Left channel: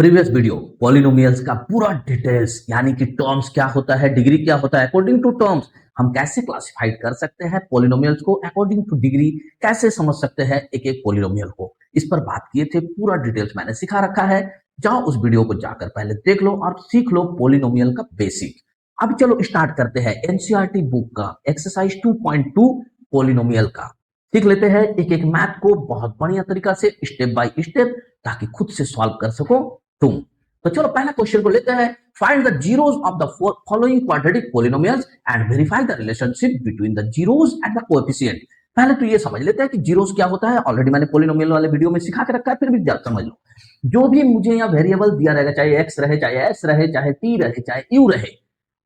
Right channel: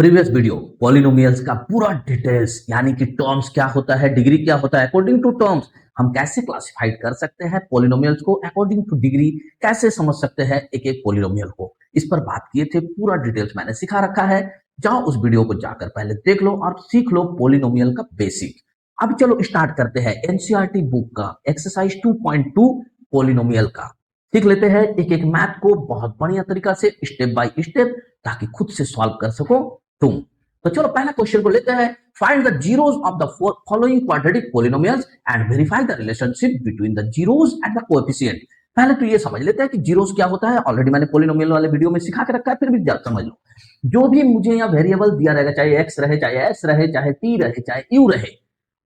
Previous video polynomials का पूरा details यानी कि टर्म्स क्या होता है, डिग्री क्या होता है, अकॉर्डिंग टू टर्म्स हम कैसे क्लासिफाइड कर सकते हैं पॉलिनोमियल्स को, अकॉर्डिंग टू डिग्री कैसे समझ सकते हैं एक एक पॉलिनोमियल को, इस पर बात किए थे। पूरा डिटेल्स मैंने सिखा रखा है। जाओ उस वीडियो को जाकर पहले देख लो और सीख लो पॉलिनोमियल का बेसिक। अब चलो स्टार्ट करते हैं एनसीईआरटी बुक का एक्सरसाइज 2.2 पॉलिनोमियल का। सीख लेते हैं एक एक मैथ को बहुत बढ़िया तरीका से, स्टेप बाय स्टेप, ताकि खुद से सॉल्व कर सको तुम। तो चलो पहले क्वेश्चन को लेते हैं। Find the zeros of the following quadratic polynomials and verify the relationship between the zeros and the coefficient. पहले तो ये समझ लेते हैं कि जीरोस क्या होता है। ऑलरेडी मैंने पॉलिनोमियल वाले वीडियो में सिखा के रखा है, फिर भी जब समझ लो। जो भी मुझे यहाँ वेरिएबल दिया रहेगा, चाहे एक्स रहे, चाहे एस रहे, चाहे टी रहे, चाहे यू रहे,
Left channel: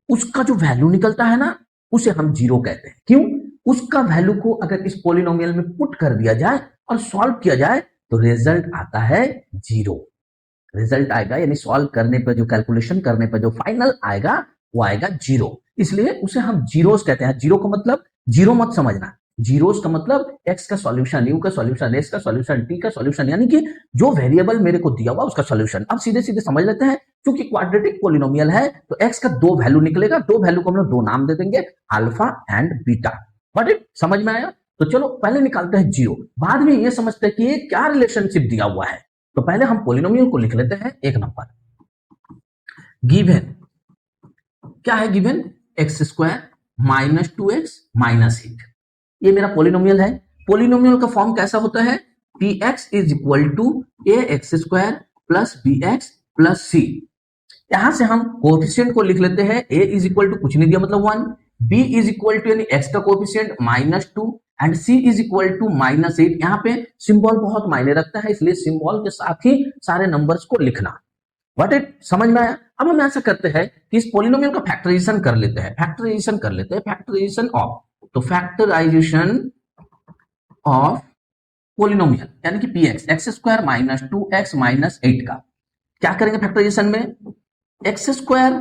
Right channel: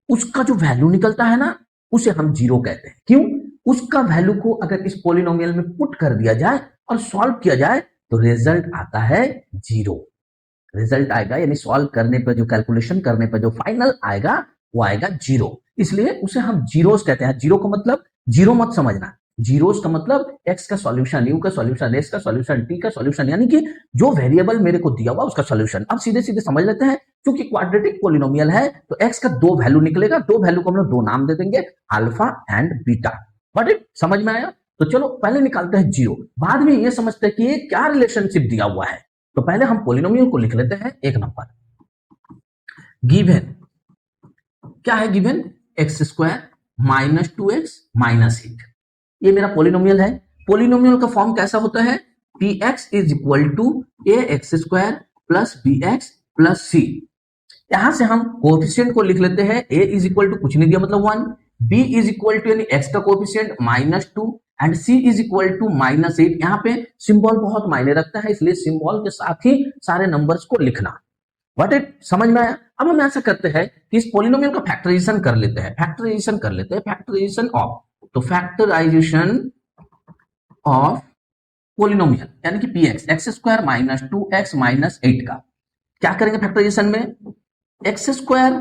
उसका जो वैल्यू निकलता है ना, उसे हम जीरो कहते हैं। क्यों? उसका वैल्यू को अगर इस पॉलिनोमियल में पुट कर दिया जाए और सॉल्व किया जाए तो रिजल्ट आता है जीरो। रिजल्ट आएगा यानी सॉल्व करने पर, जो कैलकुलेशन करने पर जो फाइनल आएगा वो आएगा जीरो। इसलिए उसे हम जीरोस कहते हैं। जीरो का मतलब जीरो मत समझना, जीरोस का मतलब एक्स का सॉल्यूशन, यू का सॉल्यूशन, एस का सॉल्यूशन, टी का सॉल्यूशन, यानी कि जो वेरिएबल मेरे को दिया हुआ उसका सॉल्यूशन। अब सीधे सीधे समझ लेते हैं। क्योंकि क्वाड्रेटिक पॉलिनोमियल है तो एक्स का दो वैल्यू निकलेगा, दो वैल्यू को हम लोग दो नाम दे देंगे, alpha and beta. But it समझ में आया? तो चलो पहले निकालते हैं जीरो, बाद में ये समझते हैं कि ये क्या रिलेशनशिप दिया हुआ है। तो पहले हम पॉलिनोमियल को लिख लेते हैं। एक नंबर गिवन, क्या है given? X square minus 2x minus 8। ये मेरा पॉलिनोमियल है। पॉलिनोमियल का फॉर्म कैसा होता है? P X is equal to A X square plus B X plus C. यहां से हम कोएफिशिएंट को लिख लेते हैं। ए इज इक्वल टू कुछ नहीं दिया मतलब 1, बी इज इक्वल टू यानी एक्स का coefficient -2 and C is equal to -8। यहाँ पे सिंबल बहुत मायने रखता है, इसलिए सिंबल के साथ ही सारे नंबर्स को लिखना। व्हाट इट समझ में आया? अब हम ऐसा करते हैं कि इस पॉलिनोमियल का फैक्टराइजेशन कर लेते हैं। फैक्टराइजेशन ऑफ, तो फैक्टराइजेशन ऑफ पॉलिनोमियल यानी कि P x, x square minus 2x minus 8 का क्या करेंगे फैक्टराइजेशन में? एक्स स्क्वायर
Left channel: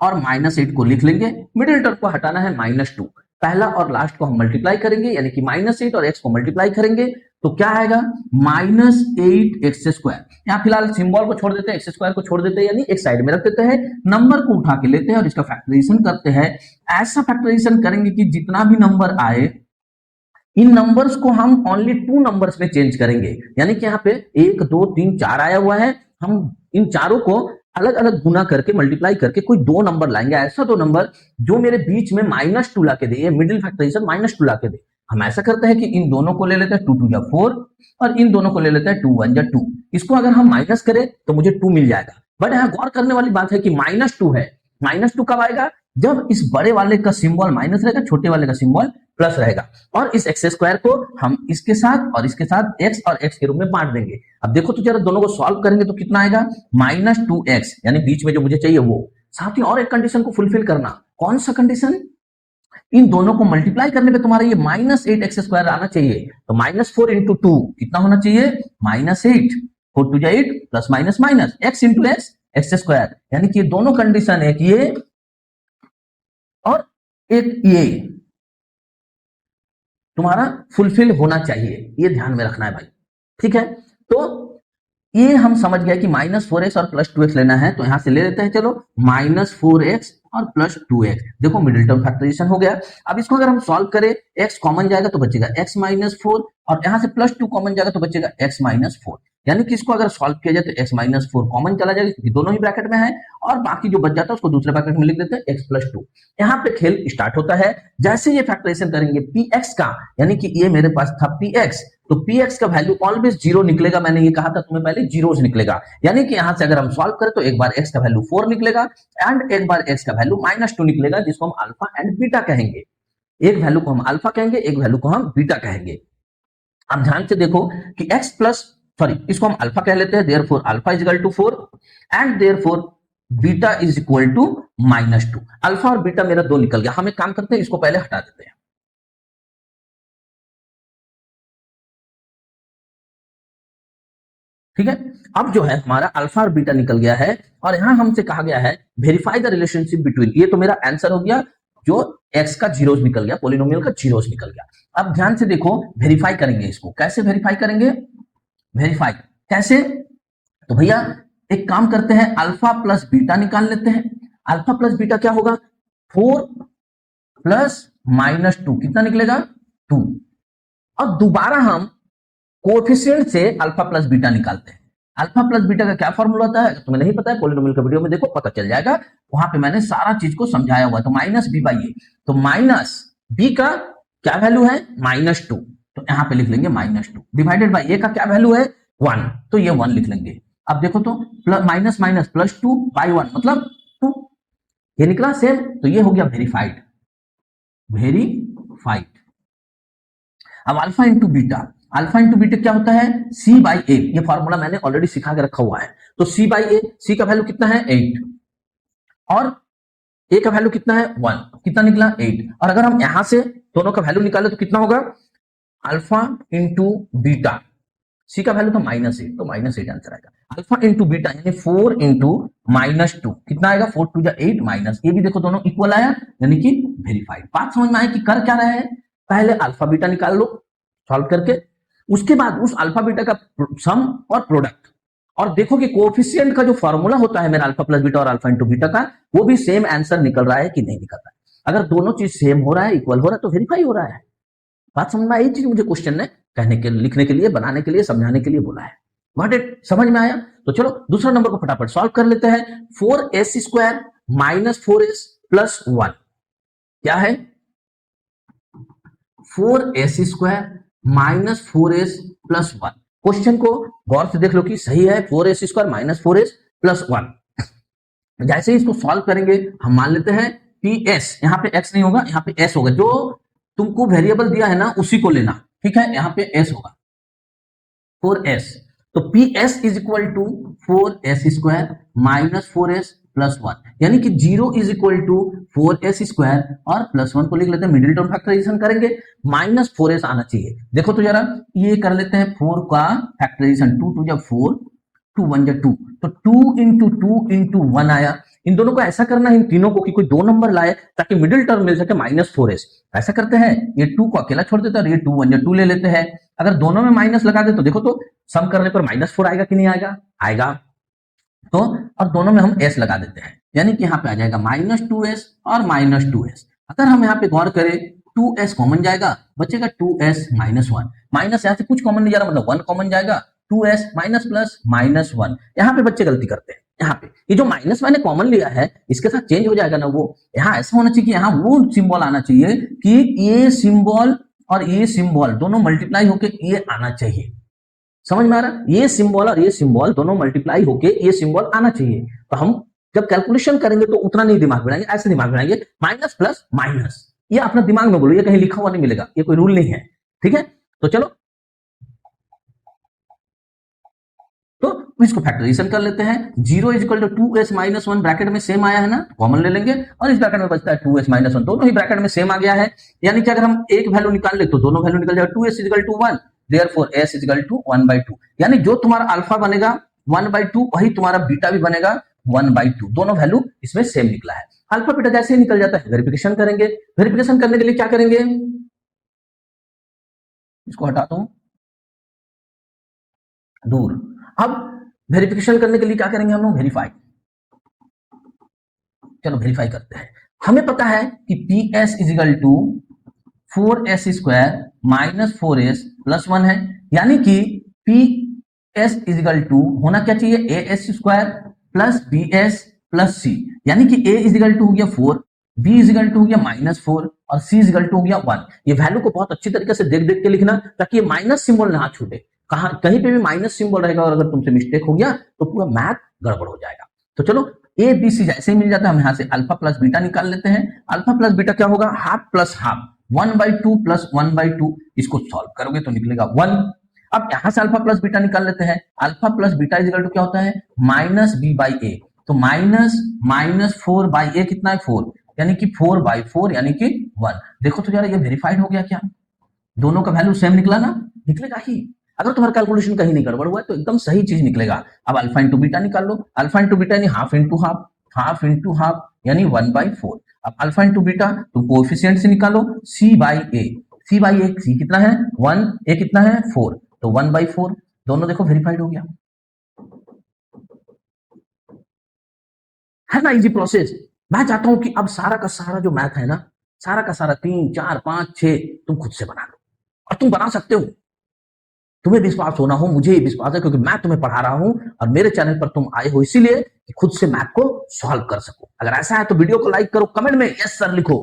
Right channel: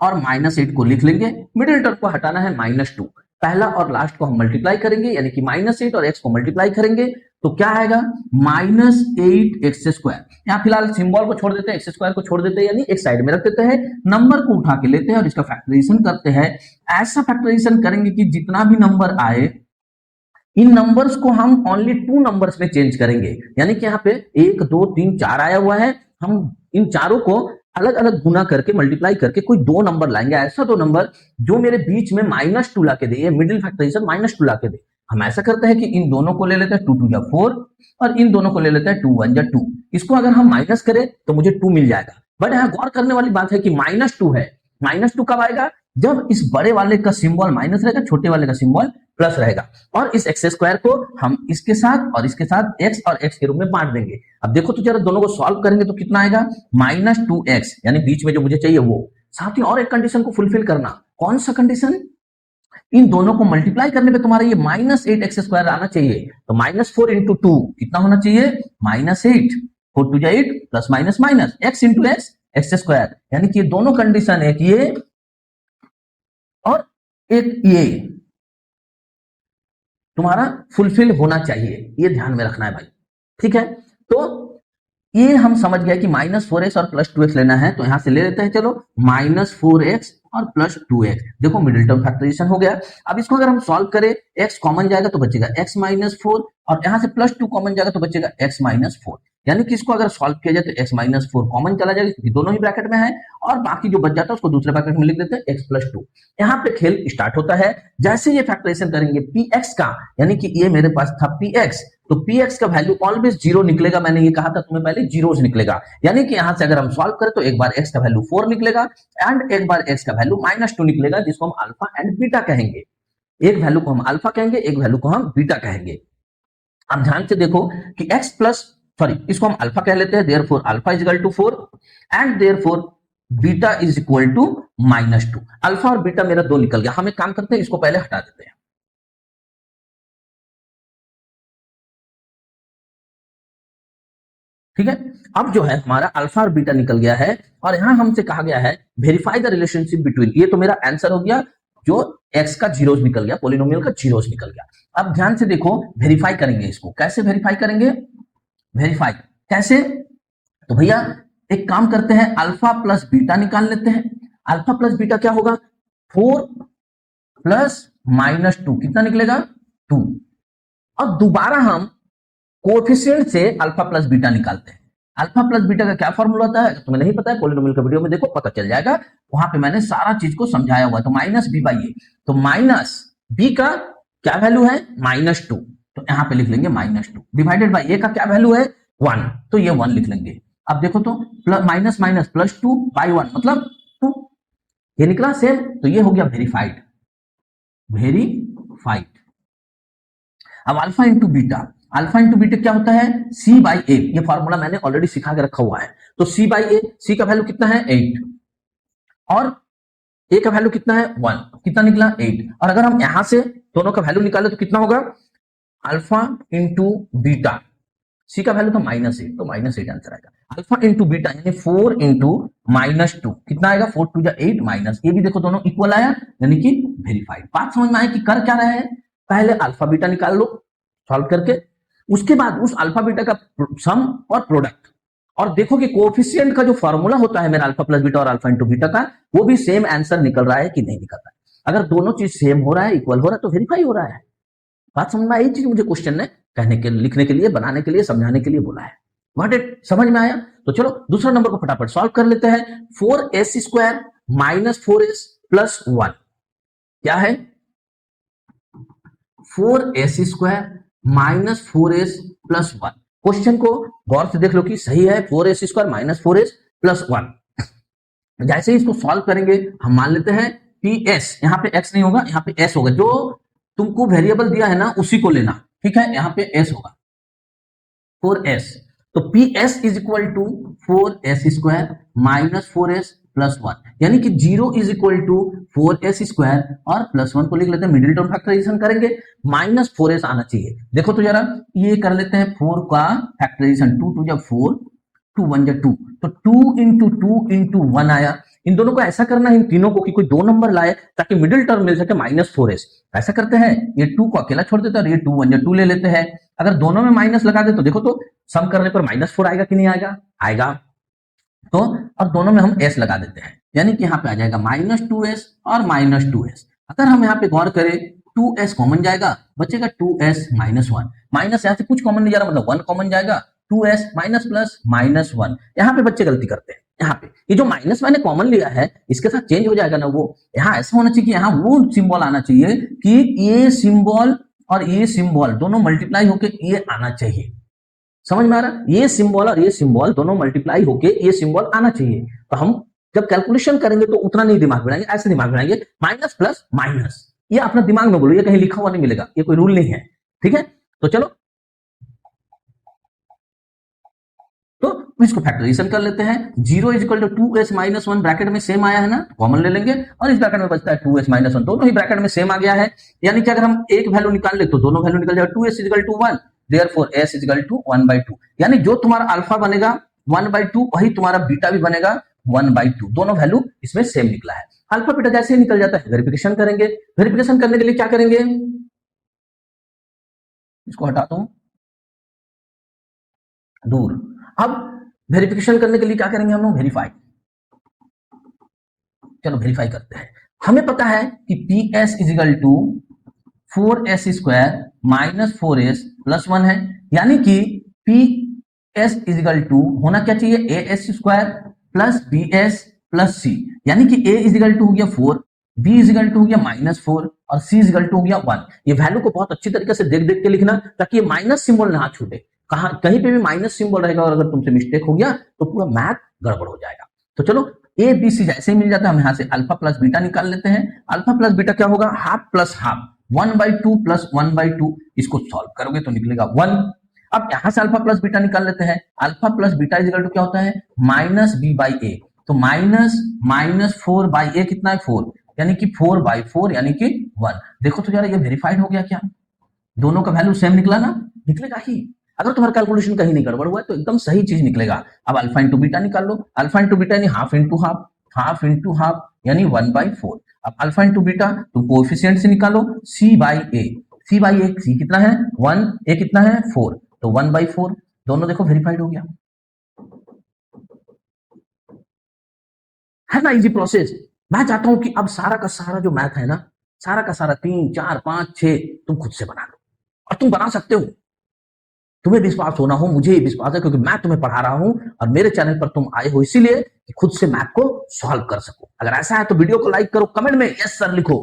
और -8 को लिख लेंगे, मिडिल टर्म को हटाना है -2, पहला और लास्ट को हम मल्टीप्लाई करेंगे यानी कि -8 और x को मल्टीप्लाई करेंगे तो क्या आएगा? -8x²। यहाँ फिलहाल सिंबल को छोड़ देते हैं, x² को छोड़ देते हैं, यानी एक साइड में रख देते हैं, नंबर को उठा के लेते हैं और इसका फैक्टराइजेशन करते हैं। ऐसा फैक्टराइजेशन करेंगे कि जितना भी नंबर आए इन नंबर्स को हम ओनली 2 नंबर्स में चेंज करेंगे। यानी कि यहाँ पे 1 2 3 4 आया हुआ है, हम इन चारों को अलग अलग गुना करके मल्टीप्लाई करके कोई 2 नंबर लाएंगे, ऐसा 2 नंबर जो मेरे बीच में -2 ला के दे, ये मिडिल फैक्टराइजेशन -2 ला के दे। हम ऐसा करते हैं कि इन दोनों को ले लेते हैं 2 2 4 और इन दोनों को ले लेते हैं 2 1 2। इसको अगर हम माइनस करें तो मुझे 2 मिल जाएगा। बट यहाँ गौर करने वाली बात है कि -2 है। -2 कब आएगा? जब इस बड़े वाले का सिंबल माइनस रहेगा, छोटे वाले का सिंबल प्लस रहेगा। और इस एक्स स्क्वायर को हम इसके साथ और इसके साथ एक्स और एक्स के रूप में बांट देंगे। अब देखो तो जरा दोनों को सॉल्व करेंगे तो कितना आएगा? -2x, यानी बीच में जो मुझे चाहिए वो। साथ ही और एक कंडीशन को फुलफिल करना। कौन सा कंडीशन? इन दोनों को मल्टीप्लाई करने पे तुम्हारा ये -8x² आना चाहिए। तो -4 इंटू 2 कितना होना चाहिए? -8, 4 2 8 plus minus minus x into x² यानी कि दोनों कंडीशन है कि ये और एक ये तुम्हारा फुलफिल होना चाहिए, ये ध्यान में रखना है भाई। ठीक है, तो ये हम समझ गए कि -4x और +2x लेना है, तो यहां से ले लेते हैं। चलो -4x और +2x, देखो मिडिल टर्म फैक्टराइजेशन हो गया। अब इसको अगर हम सॉल्व करें, x कॉमन जाएगा तो बचेगा x -4 और यहां से +2 कॉमन जाएगा तो बचेगा x -4। यानी कि इसको अगर सॉल्व किया जाए तो x -4 कॉमन चला जाएगा क्योंकि दोनों ही ब्रैकेट में है, और बाकी जो बच जाता है उसको दूसरे ब्रैकेट में लिख देते हैं x +2। यहाँ पे खेल स्टार्ट होता है। जैसे ये फैक्टराइजेशन करेंगे px का, यानी कि ये मेरे पास था px, तो px का वैल्यू ऑलवेज जीरो निकलेगा। मैंने ये कहा था तुम्हें पहले, जीरोस निकलेगा। यानी कि यहां से अगर हम सॉल्व करें तो एक बार x का वैल्यू 4 निकलेगा एंड एक बार x का वैल्यू -2 निकलेगा, जिसको हम अल्फा एंड बीटा कहेंगे। एक वैल्यू को हम अल्फा कहेंगे, एक वैल्यू को हम बीटा कहेंगे। अब ध्यान से देखो कि इसको हम अल्फा कह लेते हैं, therefore alpha is equal to 4 and therefore beta is equal to -2। Alpha और बीटा मेरा 2 निकल गया। हम एक काम करते हैं, इसको पहले हटा देते हैं। ठीक है, अब जो है हमारा अल्फा और बीटा निकल गया है, और यहां हमसे कहा गया है वेरीफाई द रिलेशनशिप बिटवीन। ये तो मेरा आंसर हो गया, जो एक्स का जीरोस निकल गया, पॉलिनोमियल का जीरोस निकल गया। अब ध्यान से देखो, वेरीफाई करेंगे इसको। कैसे वेरीफाई करेंगे? वेरीफाई कैसे? तो भैया एक काम करते हैं, अल्फा प्लस बीटा निकाल लेते हैं। अल्फा प्लस बीटा क्या होगा, 4 प्लस -2 कितना निकलेगा, 2। अब दोबारा हम कोएफिशिएंट से अल्फा प्लस बीटा निकालते हैं। अल्फा प्लस बीटा का क्या फॉर्मूला होता है, तुम्हें नहीं पता है, पॉलिनोमियल का वीडियो में देखो, पता चल जाएगा, वहां पे मैंने सारा चीज को समझाया हुआ है। तो माइनस बी बाई ए, तो माइनस बी का क्या वैल्यू है, -2, तो यहां पे लिख लेंगे -2 डिवाइडेड बाई ए का क्या वैल्यू है, 1, तो ये 1 लिख लेंगे। अब देखो तो माइनस माइनस +2 बाई 1 मतलब 2, ये निकला सेम, तो ये हो गया वेरीफाइड। वेरीफाइड। अब alpha into beta, alpha into beta क्या होता है, सी बाई ए, ये फॉर्मूला मैंने ऑलरेडी सिखा के रखा हुआ है। तो सी बाई ए, सी का वैल्यू कितना है 8 और ए का वैल्यू कितना है 1, कितना निकला 8। और अगर हम यहां से दोनों का वैल्यू निकाले तो कितना होगा, अल्फा इंटू बीटा, सी का वैल्यू तो -8, तो -8 आंसर आएगा। अल्फा इंटू बीटा यानी 4 इंटू -2 कितना आएगा, 4 2 जा 8 माइनस, ये भी देखो दोनों इक्वल आया, यानी कि वेरीफाइड। बात समझ में आए कि कर क्या रहे हैं, पहले अल्फा बीटा निकाल लो सॉल्व करके, उसके बाद उस अल्फा बीटा का सम और प्रोडक्ट, और देखो कि कोएफिशिएंट का जो फॉर्मूला होता है मेरा अल्फा प्लस बीटा और अल्फा इंटू बीटा का, वो भी सेम आंसर निकल रहा है कि नहीं निकल रहा है। अगर दोनों चीज सेम हो रहा है, इक्वल हो रहा है, तो वेरीफाई हो रहा है। बात समझ में आई, चीज मुझे क्वेश्चन ने कहने के, लिखने के लिए, बनाने के लिए, समझाने के लिए बोला है। व्हाट इट, समझ में आया। तो चलो दूसरा नंबर को फटाफट सॉल्व कर लेते हैं। 4s² माइनस 4s प्लस 1 क्या है, 4s² minus 4s plus 1। Question को गौर से देख लो कि सही है, 4s² माइनस 4s प्लस 1। जैसे ही इसको सॉल्व करेंगे, हम मान लेते हैं ps, यहाँ पे x नहीं होगा, यहाँ पे s होगा, जो तुमको वेरिएबल दिया है ना उसी को लेना, ठीक है, यहाँ पे s होगा 4s, तो ps is equal to 4s² minus 4s plus 1, यानी कि 0 इज इक्वल टू 4s² और प्लस 1 को लिख लेते हैं, न्यूमरेटर फैक्टराइजेशन करेंगे, -4s आना चाहिए। देखो तो जरा, ये कर लेते हैं 4 का फैक्टराइजेशन, 2 to 4, 2 1 2, तो 2 इंटू 2 इंटू 1 आया। इन दोनों को ऐसा करना है, इन तीनों को, कि कोई दो नंबर लाए ताकि मिडिल टर्म मिल सके -4s। ऐसा करते हैं, ये 2 को अकेला छोड़ देते हैं और ये 2 1 2 ले लेते हैं। अगर दोनों में माइनस लगा दे तो देखो तो सम करने पर -4 आएगा कि नहीं आएगा, आएगा। तो और दोनों में हम s लगा देते हैं, यानी कि यहाँ पे आ जाएगा -2s और -2s। अगर हम यहाँ पे गौर करें, 2s कॉमन जाएगा, बचेगा 2s माइनस 1, माइनस यहाँ से कुछ कॉमन नहीं जा रहा, मतलब 1 कॉमन जाएगा, 2s माइनस प्लस -1। यहाँ पे बच्चे गलती करते हैं, यहाँ पे ये जो माइनस मैंने कॉमन लिया है, इसके साथ चेंज हो जाएगा ना, वो यहाँ ऐसा होना चाहिए कि यहाँ वो सिंबल आना चाहिए कि ये सिंबल और ये सिंबल दोनों मल्टीप्लाई होकर ये आना चाहिए। समझ में आ रहा, ये सिंबल और ये सिंबल दोनों मल्टीप्लाई होके ये सिंबल आना चाहिए। तो हम जब कैलकुलेशन करेंगे तो उतना नहीं दिमाग बनाएंगे, ऐसे दिमाग बनाएंगे, माइनस प्लस माइनस, ये अपना दिमाग में बोलो, ये कहीं लिखा हुआ नहीं मिलेगा, ये कोई रूल नहीं है, ठीक है। तो चलो, तो इसको फैक्टराइजेशन कर लेते हैं। 0 is equal to 2s minus 1 bracket में सेम आया है ना, कॉमन ले लेंगे, और इस ब्रैकेट में बचता है 2s माइनस 1, दोनों ही ब्रैकेट में सेम आ गया है, यानी कि अगर हम एक वैल्यू निकाल ले तो दोनों वैल्यू निकल जाएगा, 2s is equal to 1, therefore s is equal to 1/2, यानी जो तुम्हारा अल्फा बनेगा 1/2, वही तुम्हारा बीटा भी बनेगा 1/2, दोनों वैल्यू इसमें सेम निकला है। अल्फा बीटा जैसे ही निकल जाता है, वेरिफिकेशन करेंगे। वेरिफिकेशन करने के लिए क्या करेंगे, इसको हटाता हूं दूर। अब वेरिफिकेशन करने के लिए क्या करेंगे हम लोग, वेरीफाई। चलो वेरीफाई करते हैं। हमें पता है कि PS is equal to 4s² minus 4s plus 1 है, यानी कि PS इज इक्वल टू होना क्या चाहिए, as² plus bs plus c, यानी कि a इज इक्वल टू हो गया 4, b इज इक्वल टू हो गया -4 और c इज इक्वल टू हो गया 1। ये वैल्यू को बहुत अच्छी तरीके से देख देख के लिखना, ताकि ये माइनस सिंबल ना छूटे, कहां कहीं पे भी माइनस सिंबल रहेगा और अगर तुमसे मिस्टेक हो गया तो पूरा मैथ गड़बड़ हो जाएगा। तो चलो ए बी सी जैसे ही मिल जाता है, हम यहाँ से अल्फा प्लस बीटा निकाल लेते हैं। अल्फा प्लस बीटा क्या होगा, हाफ प्लस हाफ, 1/2 प्लस 1/2, इसको सॉल्व करोगे तो निकलेगा 1। अब यहाँ से अल्फा प्लस बीटा निकाल लेते हैं। Alpha plus beta is equal to क्या होता है, -b/a, तो -4/a कितना है 4, यानी कि 4/4 यानी कि 1। देखो तो यार ये वेरीफाइड हो गया क्या, दोनों का वैल्यू सेम निकला ना, निकलेगा ही। अगर तुम्हारा कैलकुलेशन कहीं नहीं गड़बड़ हुआ है तो एकदम सही चीज निकलेगा। अब अल्फा इंटू बीटा निकाल लो, अल्फा इंटू बीटा यानी half into half, half into half यानी 1/4। अब अल्फा इंटू बीटा तो कोएफिशिएंट से निकालो, c/a, c/a, c कितना है 1, a कितना है 4, तो 1/4, दोनों देखो वेरीफाइड हो गया। है ना इजी प्रोसेस। मैं चाहता हूं कि अब सारा का सारा जो मैथ है ना, सारा का सारा 3 4 5 6 तुम खुद से बना लो, और तुम बना सकते हो। तुम्हें विश्वास होना हो, मुझे विश्वास है, क्योंकि मैं तुम्हें पढ़ा रहा हूं और मेरे चैनल पर तुम आए हो इसीलिए कि खुद से मैथ को सॉल्व कर सको। अगर ऐसा है तो वीडियो को लाइक करो, कमेंट में यस सर लिखो,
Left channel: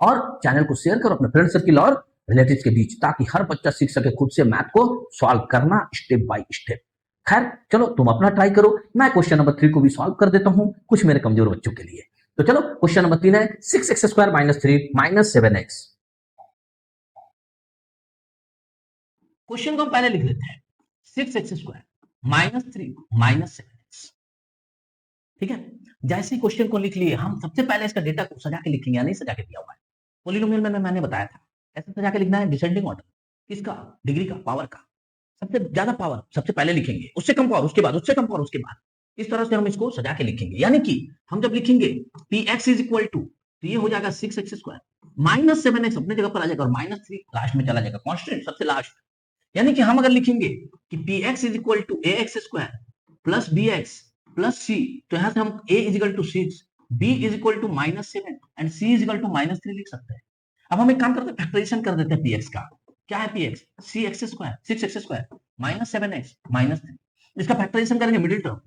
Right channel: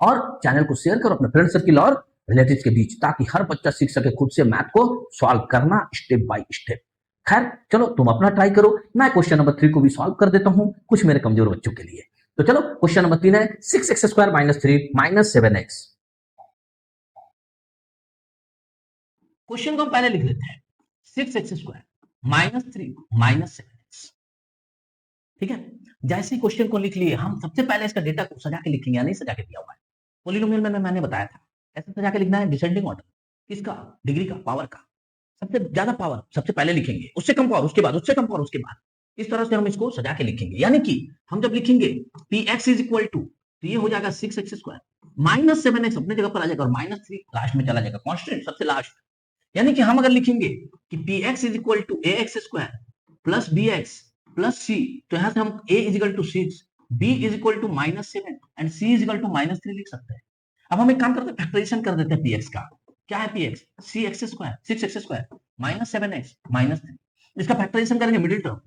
और चैनल को शेयर करो अपने फ्रेंड सर्किल और रिलेटिव्स के बीच, ताकि हर बच्चा सीख सके खुद से मैथ को सॉल्व करना स्टेप बाय स्टेप। खैर चलो तुम अपना ट्राई करो, मैं क्वेश्चन नंबर 3 को भी सॉल्व कर देता हूं कुछ मेरे कमजोर बच्चों के लिए। तो चलो क्वेश्चन नंबर 3 है 6x² - 3 - 7x। क्वेश्चन को हम पहले लिख लेते हैं 6x² - 3 - 7x। ठीक है, जैसे ही क्वेश्चन को लिख लिए हम सबसे पहले इसका डेटा को सजा के लिखेंगे, या नहीं सजा के दिया हुआ है। पोलिनोमियल में मैंने बताया था ऐसे सजा के लिखना है, डिसेंडिंग ऑर्डर किसका, डिग्री का, पावर का। सबसे ज्यादा पावर सबसे पहले लिखेंगे, उससे कम पावर उसके बाद, उससे कम पावर उसके बाद। इस तरह से हम इसको सजा के लिखेंगे, यानी कि हम जब लिखेंगे px इज इक्वल टू, तो ये हो जाएगा 6x² - 7x अपने जगह पर आ जाएगा, और -3 लास्ट में चला जाएगा, कांस्टेंट सबसे लास्ट। यानी कि हम अगर लिखेंगे कि px is equal to ax² plus bx plus c, तो यहां से हम a is equal to 6, b is equal to -7 and c is equal to -3 लिख सकते हैं। अब हम एक काम करते हैं, फैक्टराइजेशन कर देते हैं px का। क्या है px, 6x² - 7x -3। इसका फैक्टराइजेशन करेंगे, मिडिल टर्म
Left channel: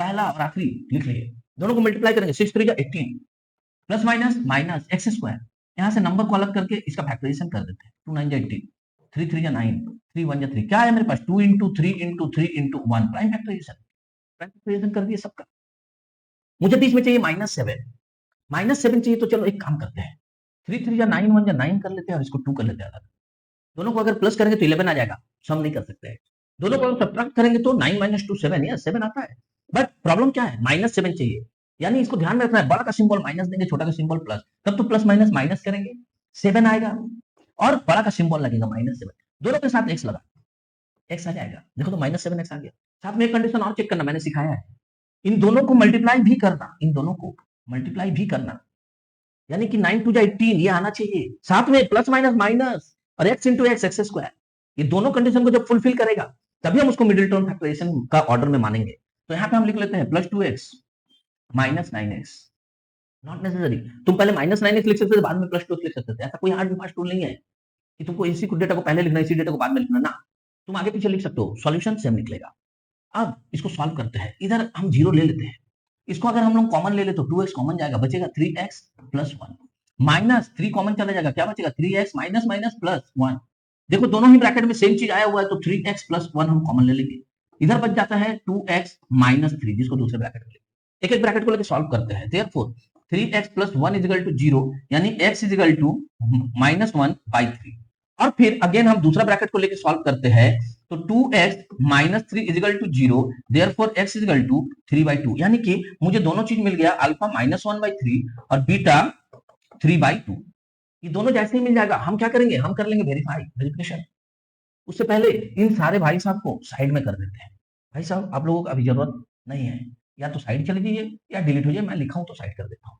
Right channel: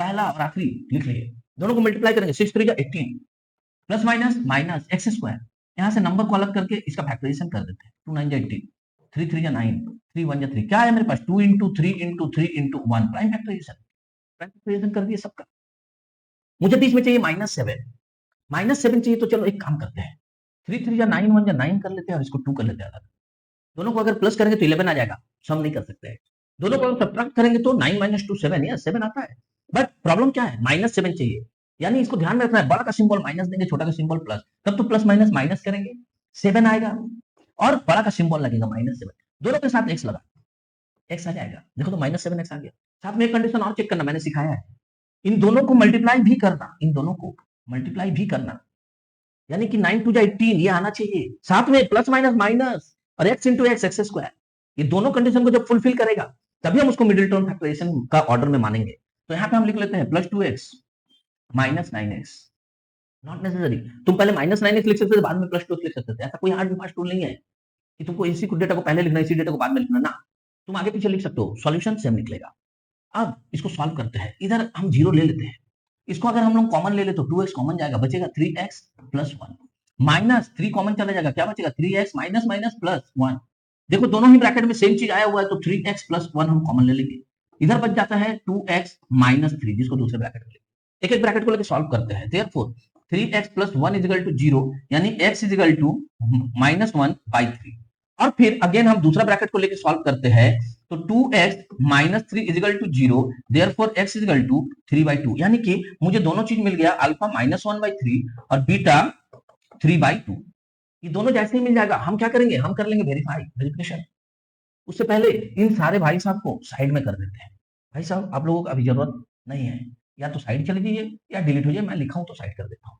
पहला और आखिरी लिख लिए, दोनों को मल्टीप्लाई करेंगे, 6 3 18 प्लस माइनस माइनस x²। यहां से नंबर को अलग करके इसका फैक्टराइजेशन कर देते हैं, 2 9 18, 3 3 9, 3 1 3। क्या है मेरे पास, 2 × 3 × 3 × 1, प्राइम फैक्टराइजेशन। प्राइम फैक्टराइजेशन कर दिए सबका। मुझे बीच में चाहिए -7, -7 चाहिए, तो चलो एक काम करते हैं, 3 3 या 9 1 या 9 कर लेते हैं, और इसको 2 कर लेते हैं। दोनों को अगर प्लस करेंगे तो 11 आ जाएगा, सम नहीं कर सकते हैं। दोनों को सब्ट्रैक्ट करेंगे तो 9 - 2 7, या 7 आता है। बट प्रॉब्लम क्या है, -7 चाहिए, यानी इसको ध्यान में रखना है, बड़ा का सिंबल माइनस देंगे, छोटा का सिंबल प्लस, तब तो प्लस माइनस माइनस करेंगे 7 आएगा, और बड़ा का सिंबल लगेगा -7, दोनों के साथ x लगा, x आ जाएगा। देखो तो -7x आ गया। साथ में एक कंडीशन और चेक करना, मैंने सिखाया है, इन दोनों को मल्टीप्लाई भी करना, इन दोनों को मल्टीप्लाई भी करना, यानी कि 9 2 18 ये आना चाहिए, साथ में प्लस माइनस माइनस और x × x x²। ये दोनों कंडीशन को जब फुलफिल करेगा तभी हम उसको मिडिल टर्म फैक्टराइजेशन का ऑर्डर में मानेंगे। तो यहाँ पे हम लिख लेते हैं +2x - 9x। नॉट नेसेसरी, तुम पहले -9x लिख सकते थे, बाद में +2x लिख सकते थे, ऐसा कोई हार्ड एंड फास्ट रूल नहीं है कि तुमको इसी को डेटा को पहले लिखना, इसी डेटा को बाद में लिखना ना, तुम आगे पीछे लिख सकते हो, सॉल्यूशन सेम निकलेगा। अब इसको सॉल्व करते हैं, इधर हम 0 ले लेते हैं, इसको अगर हम लोग कॉमन ले ले तो 2x कॉमन जाएगा, बचेगा 3x + 1, माइनस 3 कॉमन चला जाएगा, क्या बचेगा 3x माइनस माइनस प्लस 1। देखो दोनों ही ब्रैकेट में सेम चीज आया हुआ है, तो 3x + 1 हम कॉमन ले लेंगे, इधर बच जाता है 2x - 3, जिसको दूसरे ब्रैकेट में एक एक ब्रैकेट को लेकर सॉल्व करते हैं। देयरफॉर 3x + 1 = 0, यानी x = -1/3। और फिर अगेन हम दूसरा ब्रैकेट को लेकर सॉल्व करते हैं, तो 2x - 3 = 0, देयरफॉर x = 3/2, यानी कि मुझे दोनों चीज मिल गया, अल्फा -1/3 और बीटा 3/2। उससे पहले इन सारे भाई साहब को साइड में कर देते हैं। भाई साहब आप लोगों को अभी जरूरत नहीं है, या तो साइड चले जाइए या डिलीट हो जाए, मैं लिखा हूं तो साइड कर देता हूं।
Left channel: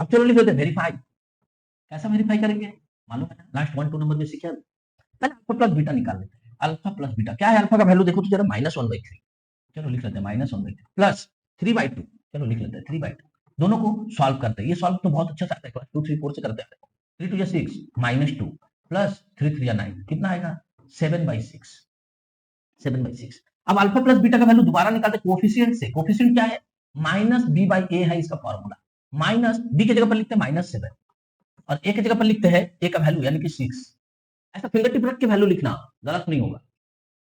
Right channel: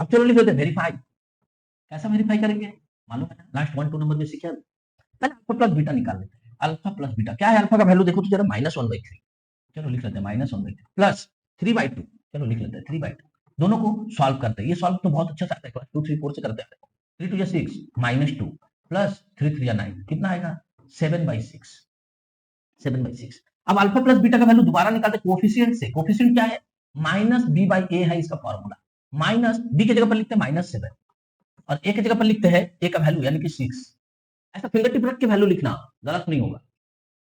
अब चलो लिख लेते हैं वेरीफाई। कैसा वेरीफाई करेंगे, मालूम है ना, लास्ट 1 2 नंबर में सीखा। पहले अल्फा प्लस बीटा निकाल लेते हैं, अल्फा प्लस बीटा क्या है, अल्फा का वैल्यू देखो तो जरा -1/3, चलो लिख लेते हैं -1/3 प्लस 3/2, चलो लिख लेते हैं 3/2। दोनों को सॉल्व करते हैं, ये सॉल्व तो बहुत अच्छा आता है, क्लास 2 3 4 से करते हैं। 3 2 6 -2 प्लस 3 3 9, कितना आएगा 7/6, 7/6। अब अल्फा प्लस बीटा का वैल्यू दोबारा निकालते कोएफिशिएंट से, कोएफिशिएंट क्या है, -b/a है इसका फॉर्मूला, माइनस b की जगह पर लिखते हैं -7 और a की जगह पर लिखते हैं a का वैल्यू यानी कि 6। ऐसा फिंगर टिप रख के वैल्यू लिखना, गलत नहीं होगा।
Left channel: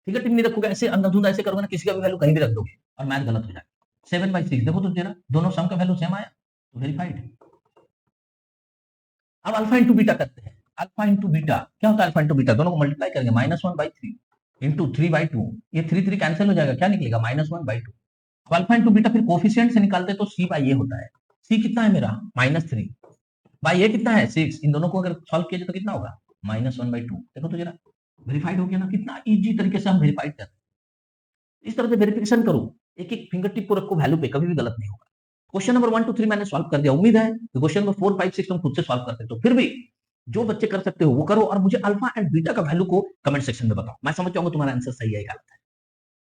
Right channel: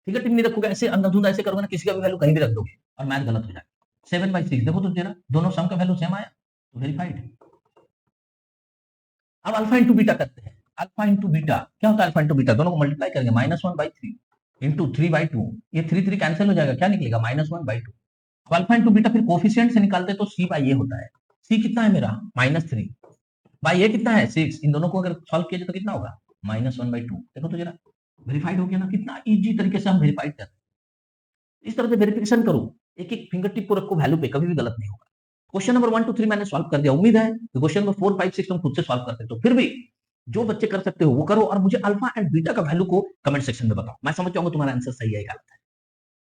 फिंगर टिप नहीं रखोगे, ऐसे अंधाधुंध ऐसे करोगे ना, किसी का भी वैल्यू कहीं भी रख दोगे और मैथ गलत हो जाएगा। 7/6 देखो तो जरा, दोनों सम का वैल्यू सेम आया, तो वेरीफाइड। अब अल्फा इंटू बीटा करते हैं, अल्फा इंटू बीटा क्या होता है, अल्फा इंटू बीटा दोनों को मल्टीप्लाई करेंगे, -1/3 इंटू 3/2, ये 3 3 कैंसिल हो जाएगा, क्या निकलेगा -1/2। अब अल्फा इंटू बीटा फिर कोफिशिएंट से निकालते तो c/a होता है, c कितना है मेरा -3 बाई a कितना है 6, इन दोनों को अगर सॉल्व किया जाए तो कितना होगा -1/2। देखो तो जरा, वेरीफाइड हो गया ना, कितना इजी तरीके से हम वेरीफाइड करते हैं। इस तरह से वेरिफिकेशन करो, एक एक फिंगर टिप को रखो वैल्यू पे, कभी भी गलत नहीं होगा। क्वेश्चन नंबर 1 2 3 मैंने सॉल्व कर दिया, उम्मीद है कि क्वेश्चन नंबर 4 5 6 तुम खुद से सॉल्व करते हो। फिर भी जो बच्चे कर सकते हो वो करो, और मुझे अल्फा एंड बीटा का वैल्यू को कमेंट सेक्शन में बताओ, मैं समझ जाऊंगा तुम्हारा आंसर सही है गलत है।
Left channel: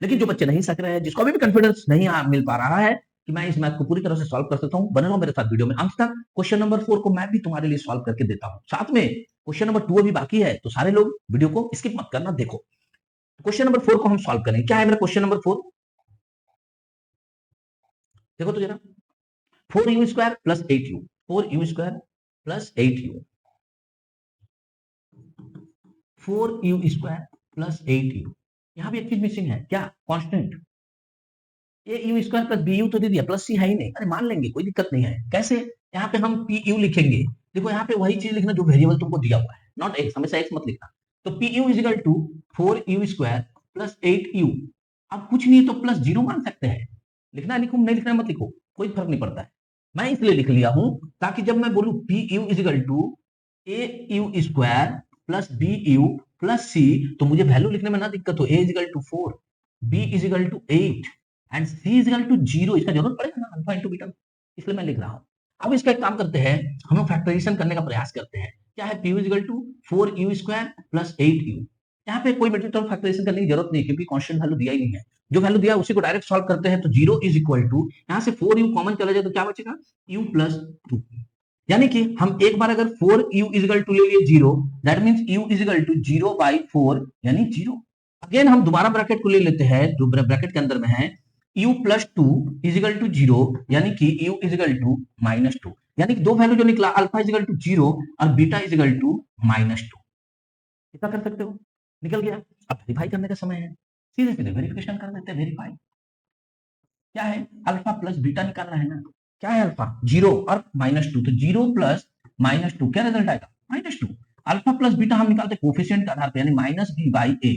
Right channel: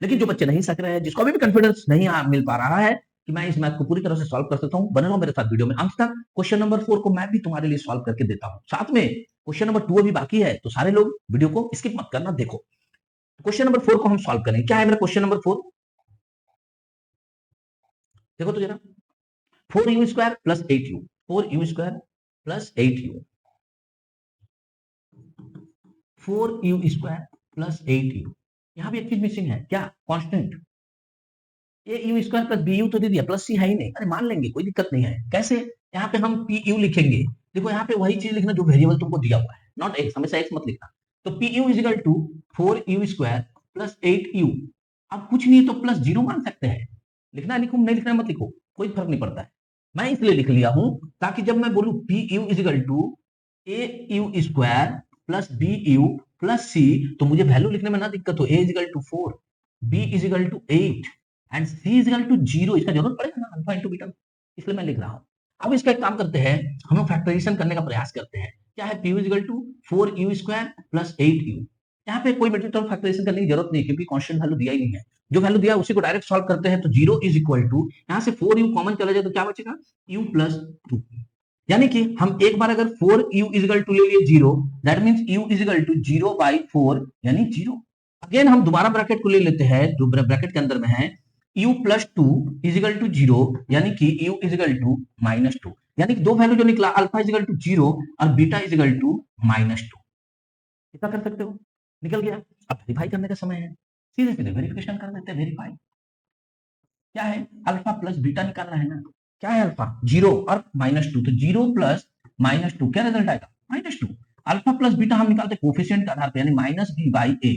लेकिन जो बच्चे नहीं सक रहे हैं, जिसको अभी भी कॉन्फिडेंस नहीं मिल पा रहा है, कि मैं इस मैथ को पूरी तरह से सॉल्व कर सकता हूं? बने रहो मेरे साथ वीडियो में अंत तक। क्वेश्चन नंबर 4 को मैं भी तुम्हारे लिए सॉल्व करके देता हूं। साथ में क्वेश्चन नंबर 2 अभी बाकी है, तो सारे लोग वीडियो को स्किप मत करना, देखो। क्वेश्चन नंबर 4 को हम सॉल्व करेंगे। क्या है मेरा क्वेश्चन नंबर 4? देखो तो जरा, 4u² plus 8u, 4u² plus 8u, 4u² plus 8u। यहां भी एक चीज मिसिंग है, क्या? कांस्टेंट। au² प्लस bu तो दे दिया, प्लस c है ही नहीं। अरे मान लेंगे, कोई दिक्कत नहीं है। कैसे? यहाँ पे हम pu लिखेंगे। देखो यहाँ पे वही चीज लिखना जो वेरिएबल तुमको दिया हुआ है, नॉट x, हमेशा x मत लिखना। तो pu is equal to 4u² plus 8u। अब कुछ नहीं तो प्लस 0 मान सकते हैं। लिखना लिखो, नहीं लिखना मत लिखो, कोई फर्क नहीं पड़ता है। मैं इसलिए लिख लिया हूं ताकि जब मैं बोलूं pu is equal to au² plus bu plus c, तो मुझे वैल्यू लिखने में ना दिक्कत हो। a is equal to 4, b is equal to 8 and c is equal to 0। इसका जरूरत पड़ेगा ना अल्फा इंटू बीटा, इसलिए मैं लिख रहा हूं। अब इसका एक काम करते हैं, हम फैक्टराइजेशन करने का प्रयास करते हैं। क्या है? p is equal to 4u² plus 8u। यहाँ पे कोई मेट्रिक टर्म फैक्टराइजेशन करने की जरूरत नहीं, क्योंकि कांस्टेंट वैल्यू दिया ही नहीं है। जो वैल्यू दिया है उसी को डायरेक्ट सॉल्व करते हैं। तो 0 इज इक्वल टू, यहाँ से 4u कॉमन चला जाए तो क्या बचेगा? u plus 2। यानी कि हम एक बार अगर 4u इज इक्वल टू ले लिए 0, that means u is equal to 0 by 4 यानी 0। अगेन हम दोबारा ब्रैकेट को ले लेते हैं, जो ब्रैकेट के अंदर में है u plus 2 is equal to 0, यानी कि u is equal to minus 2। यानी कि दो वैल्यू जो निकला, अल्फा इज इक्वल टू 0 और beta is equal to minus 2। कितना कर सकते हो? निकल गया। अब वेरीफाई करने का समय है, सीधे सीधे वेरिफिकेशन कर देते हैं। वेरीफाई क्या है? अल्फा प्लस बीटा निकालना है ना। क्या है अल्फा? 0 और माइनस 2, तो 0 प्लस माइनस 2 क्या रिजल्ट आएगा? माइनस 2। अल्फा प्लस बीटा हम निकालते कोफिशिएंट के आधार पे, यानी minus B by A.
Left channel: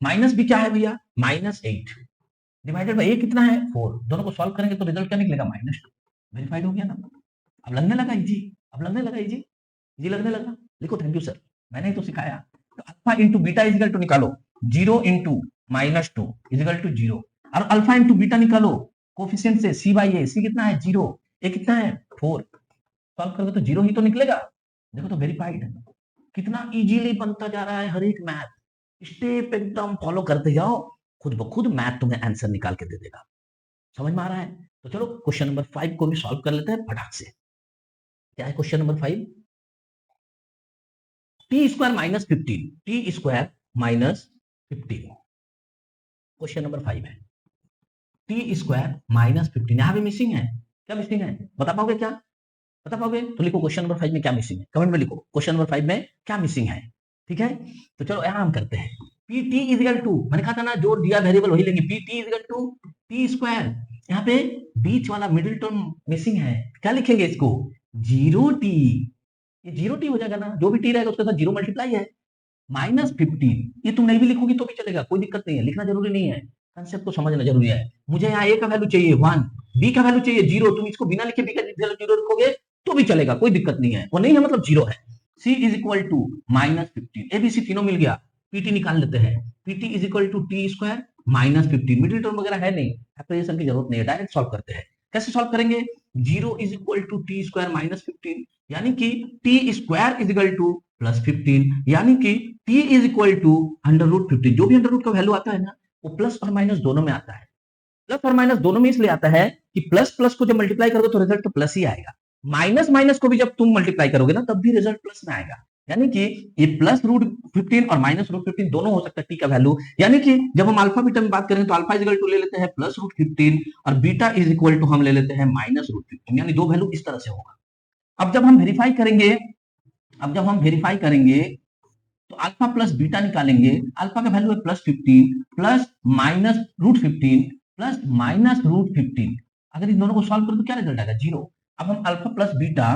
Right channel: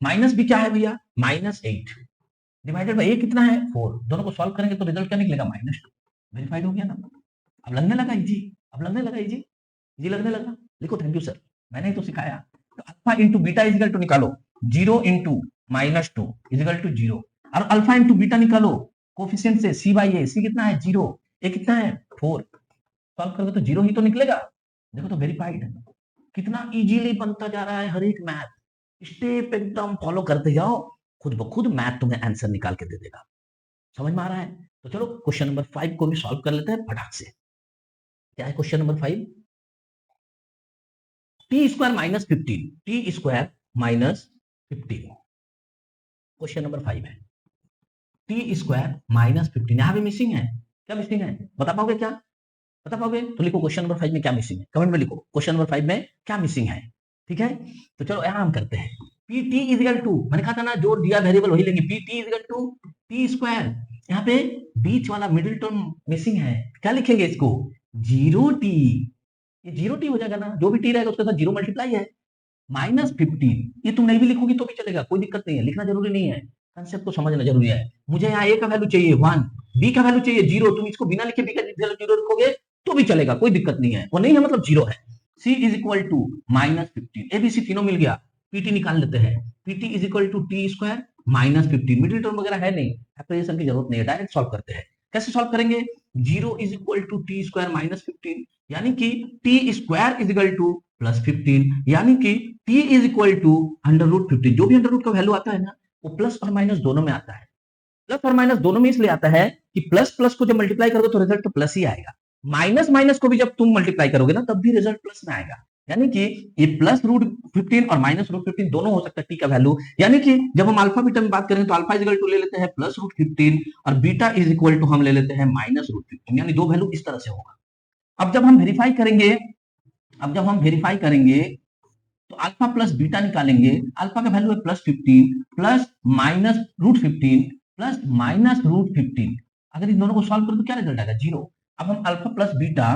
Minus B क्या है भैया? माइनस 8 डिवाइडेड बाई ए कितना है? 4। दोनों को सॉल्व करेंगे तो रिजल्ट क्या निकलेगा? माइनस 2। वेरीफाइड हो गया ना? अब लगने लगा इजी, अब लगने लगा इजी, इजी लगने लगा। लिखो थैंक यू सर, मैंने ही तो सिखाया। तो alpha into beta is equal to निकालो, 0 into minus 2 is equal to 0। और अल्फा इंटू बीटा निकालो कोफिशिएंट से, सी बाई ए। सी कितना है? 0। ए कितना है? 4। सॉल्व करोगे तो 0 ही तो निकलेगा। देखो तो वेरीफाइड। कितना इजीली बनता जा रहा है हर एक मैथ। स्टेप एकदम फॉलो करते जाओ, खुद ब खुद मैथ तुम्हें आंसर निकाल के दे देगा। समझ में आ रहा है? तो चलो क्वेश्चन नंबर 5 को भी सॉल्व कर लेते हैं फटाक से। क्या है question number 5? T square minus 15, T square minus 15 question number 5 है। टी स्क्वायर माइनस 15 यहां भी मिसिंग है। क्या मिसिंग है? बता पाओगे क्या? बता पाओगे तो लिखो क्वेश्चन नंबर 5 में क्या मिसिंग है, कमेंट में लिखो क्वेश्चन नंबर 5 में क्या मिसिंग है। ठीक है, तो चलो यहां हम करते हैं। P T is equal to, मैंने कहा था ना जो दिया वेरिएबल वही लेंगे। P T is equal to T square, यहाँ पे बीच वाला मिडिल टर्म मिसिंग है। क्या लिखेंगे इसको? 0t। ये 0t हो जाएगा ना, जो भी टी रहेगा उसके साथ 0 मल्टीप्लाई है। माइनस 15, ये तुम नहीं भी लिखोगी तो भी चलेगा, कोई दिक्कत नहीं है, लिखना जरूरी नहीं है। कंसेप्ट को समझना जरूरी है। मुझे यहाँ ए का वैल्यू चाहिए 1, बी का वैल्यू चाहिए 0, तुम इसको बिना लिखे बी का वैल्यू 0 रखोगे तो भी चलेगा, कोई दिक्कत नहीं है। वो नहीं है मतलब 0 है। C is equal to minus 15, ABC तीनों मिल गया। पीटी निकाल लेते हैं। PT is equal to T square minus 15, middle term वगैरह है नहीं, फैक्टराइजेशन की जरूरत नहीं है, डायरेक्ट सॉल्व करते हैं। कैसे सॉल्व करेंगे? 0 is equal to T square minus 15, यानी कि T square is equal to plus 15, यानी कि t is equal to under root 15। जो भी अंडर रूट का वैल्यू आता है ना, वो प्लस और माइनस दोनों में आता है। प्लस और माइनस दोनों में इसलिए आता है कि प्लस प्लस को जब मल्टीप्लाई करोगे तो रिजल्ट तो प्लस ही आएगा। माइनस माइनस को भी जब तुम मल्टीप्लाई करोगे ना, तब भी रिजल्ट प्लस में आएगा। यानी कि ये प्लस रूट 15 और माइनस रूट 15 दोनों हो सकता है टी का वैल्यू। यानी कि जब हम अल्फा बीटा में बात करें तो अल्फा इज इक्वल टू ले लेते हैं प्लस रूट 15 और बीटा इज इक्वल टू हम ले लेते हैं माइनस रूट 15, यानी दो वैल्यू इस तरह से होगा। अब जब हम वेरीफाई करेंगे, अब जब हम वेरीफाई करेंगे तो अल्फा प्लस बीटा निकालेंगे। अल्फा का वैल्यू है plus 15 plus minus root 15 plus minus root 15। अगर इन दोनों को सॉल्व करें तो क्या रिजल्ट आएगा? 0। अब हम अल्फा प्लस बीटा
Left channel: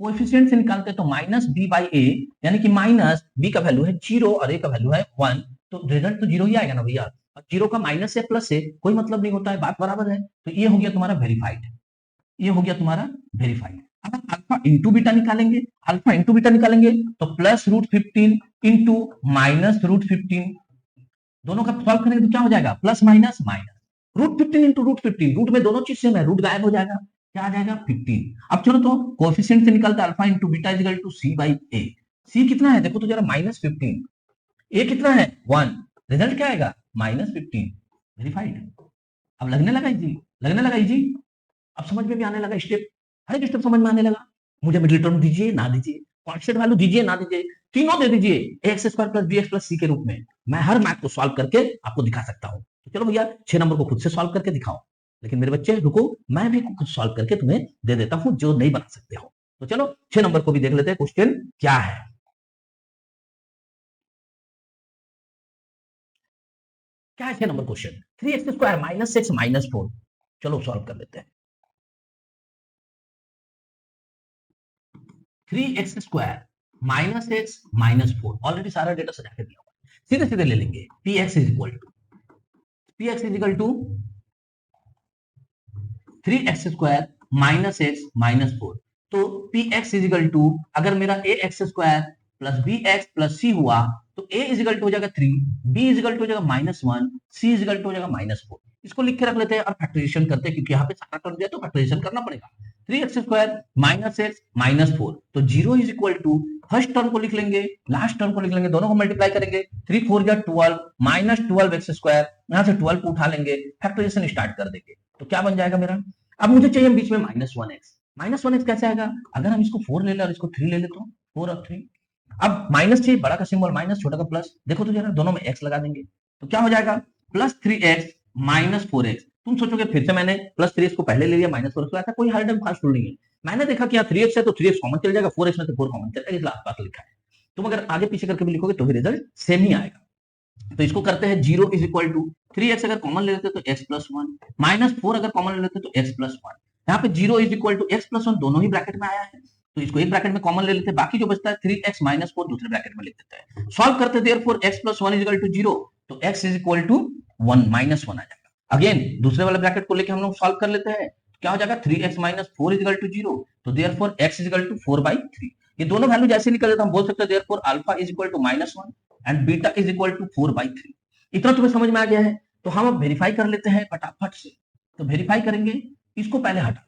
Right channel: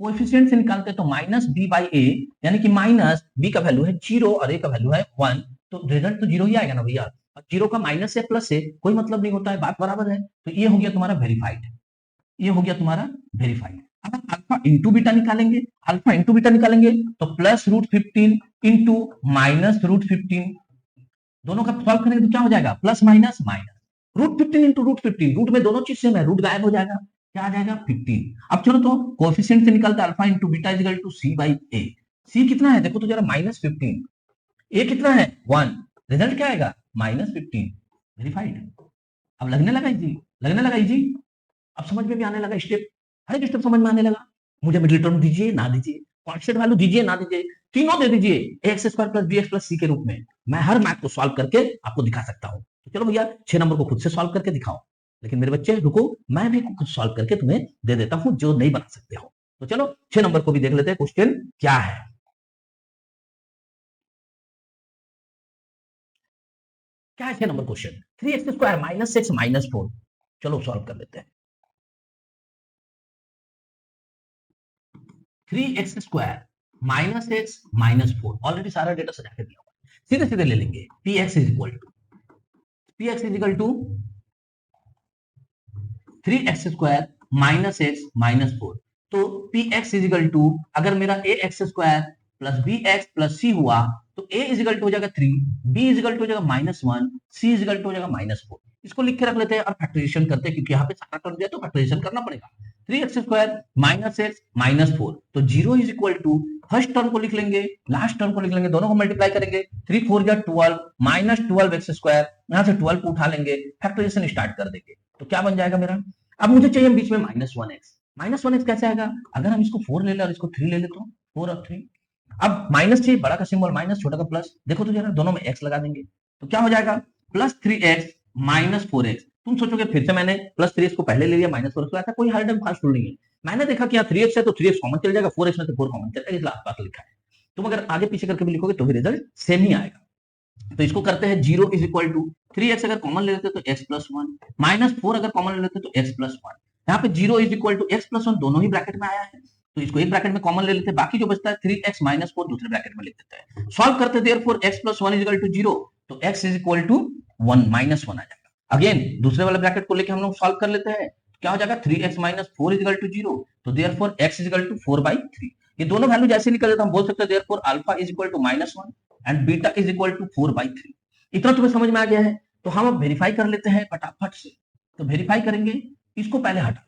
कोएफिशिएंट से निकालते हैं तो माइनस बी बाई ए, यानी कि माइनस बी का वैल्यू है 0 और ए का वैल्यू है 1, तो रिजल्ट तो 0 ही आएगा ना भैया। 0 का माइनस से प्लस से कोई मतलब नहीं होता है, बात बराबर है। तो ये हो गया तुम्हारा वेरीफाइड, ये हो गया तुम्हारा वेरीफाइड। अब हम अल्फा इंटू बीटा निकालेंगे। अल्फा इंटू बीटा निकालेंगे तो plus root 15 into minus root 15, दोनों का सॉल्व करेंगे तो क्या हो जाएगा? Plus minus minus root 15 into root 15, root में दोनों चीज सेम है, रूट गायब हो जाएगा, क्या आ जाएगा? 15। अब चलो तो कोएफिशिएंट से निकलता है alpha into beta is equal to C by A. C कितना है देखो तो जरा, माइनस 15। ए कितना है? 1। रिजल्ट क्या आएगा? माइनस 15। वेरीफाइड। अब लगने लगा जी, लगने लगा जी। अब समझ में भी आने लगा स्टेप, हर एक स्टेप समझ में आने लगा। मुझे मिडिल टर्म दीजिए ना दीजिए, कांस्टेंट वैल्यू दीजिए ना दीजिए, तीनों दे दीजिए X square plus B X plus C के रूप में। मैं हर मैथ को सॉल्व करके आपको दिखा सकता हूँ। तो चलो भैया 6 नंबर को खुद से सॉल्व करके दिखाओ। लेकिन मेरे बच्चे रुको, मैं भी कुछ सॉल्व करके तुम्हें दे देता हूं जो नहीं बना सकते हो। तो चलो 6 नंबर को भी देख लेते हैं क्वेश्चन क्या है। क्या है 6 number question? 3x² minus 6 minus 4। चलो सॉल्व कर लेते हैं। 3x² minus X minus 4, already सारा डेटा सजा के दिया हुआ है, सीधे सीधे ले लेंगे। px is equal to 3x² minus X minus 4। तो px इज इक्वल टू, अगर मेरा ax² plus bx plus c हुआ तो a इज इक्वल टू हो जाएगा 3, b इज इक्वल टू हो जाएगा -1, c इज इक्वल टू हो जाएगा -4। इसको लिख के रख लेते हैं और फैक्टराइजेशन करते हैं, क्योंकि यहाँ पे सारा टर्म दिया तो फैक्टराइजेशन करना पड़ेगा। 3x² माइनस एक्स माइनस 4, तो 0 is equal to first term को लिख लेंगे, लास्ट टर्म को लिख लेंगे, दोनों को मल्टीप्लाई करेंगे। 3 4 जा 12 माइनस 12x², यहाँ से 12 को उठा लेंगे, फैक्टराइजेशन स्टार्ट कर देंगे। तो क्या बन जाएगा मेरा? अब मुझे चाहिए बीच में -1x कैसे आएगा? अगर हम इसको 4 ले ले और इसको 3 ले ले तो 4 और 3। अब माइनस चाहिए, बड़ा का सिंबल माइनस, छोटा का प्लस। देखो तो जरा, दोनों में x लगा देंगे तो क्या हो जाएगा? Plus 3x minus 4x। तुम सोचोगे फिर से मैंने प्लस 3x को पहले ले लिया, माइनस 4x को, ऐसा कोई हार्ड एंड फास्ट रूल नहीं है। मैंने देखा कि यहाँ 3x है तो 3x कॉमन चल जाएगा, 4x में से 4 कॉमन चल जाएगा, इसलिए आसपास लिखा है। तुम अगर आगे पीछे करके भी लिखोगे तो भी रिजल्ट सेम ही आएगा। तो इसको करते हैं 0 इज इक्वल टू 3x अगर कॉमन ले लेते तो x प्लस 1, माइनस 4 अगर कॉमन ले लेते तो x प्लस 1। यहाँ पे 0 is equal to x plus 1 दोनों ही ब्रैकेट में आया है, तो इसको एक ब्रैकेट में कॉमन ले लेते हैं, बाकी जो बचता है 3x माइनस 4 दूसरे ब्रैकेट में लिख देते हैं। सॉल्व करते therefore x plus 1 is equal to 0, तो x is equal to 1 minus 1 आ जाएगा। अगेन दूसरे वाले ब्रैकेट को लेके हम लोग सॉल्व कर लेते हैं, क्या हो जाएगा? 3x minus 4 is equal to 0, तो therefore x is equal to 4/3। ये दोनों वैल्यू जैसे निकले तो हम बोल सकते हैं therefore alpha is equal to -1 and beta is equal to 4/3। इतना तुम्हें समझ में आ गया है? तो हम अब वेरीफाई कर लेते हैं फटाफट से। तो वेरीफाई करेंगे, इसको पहले हटा दो,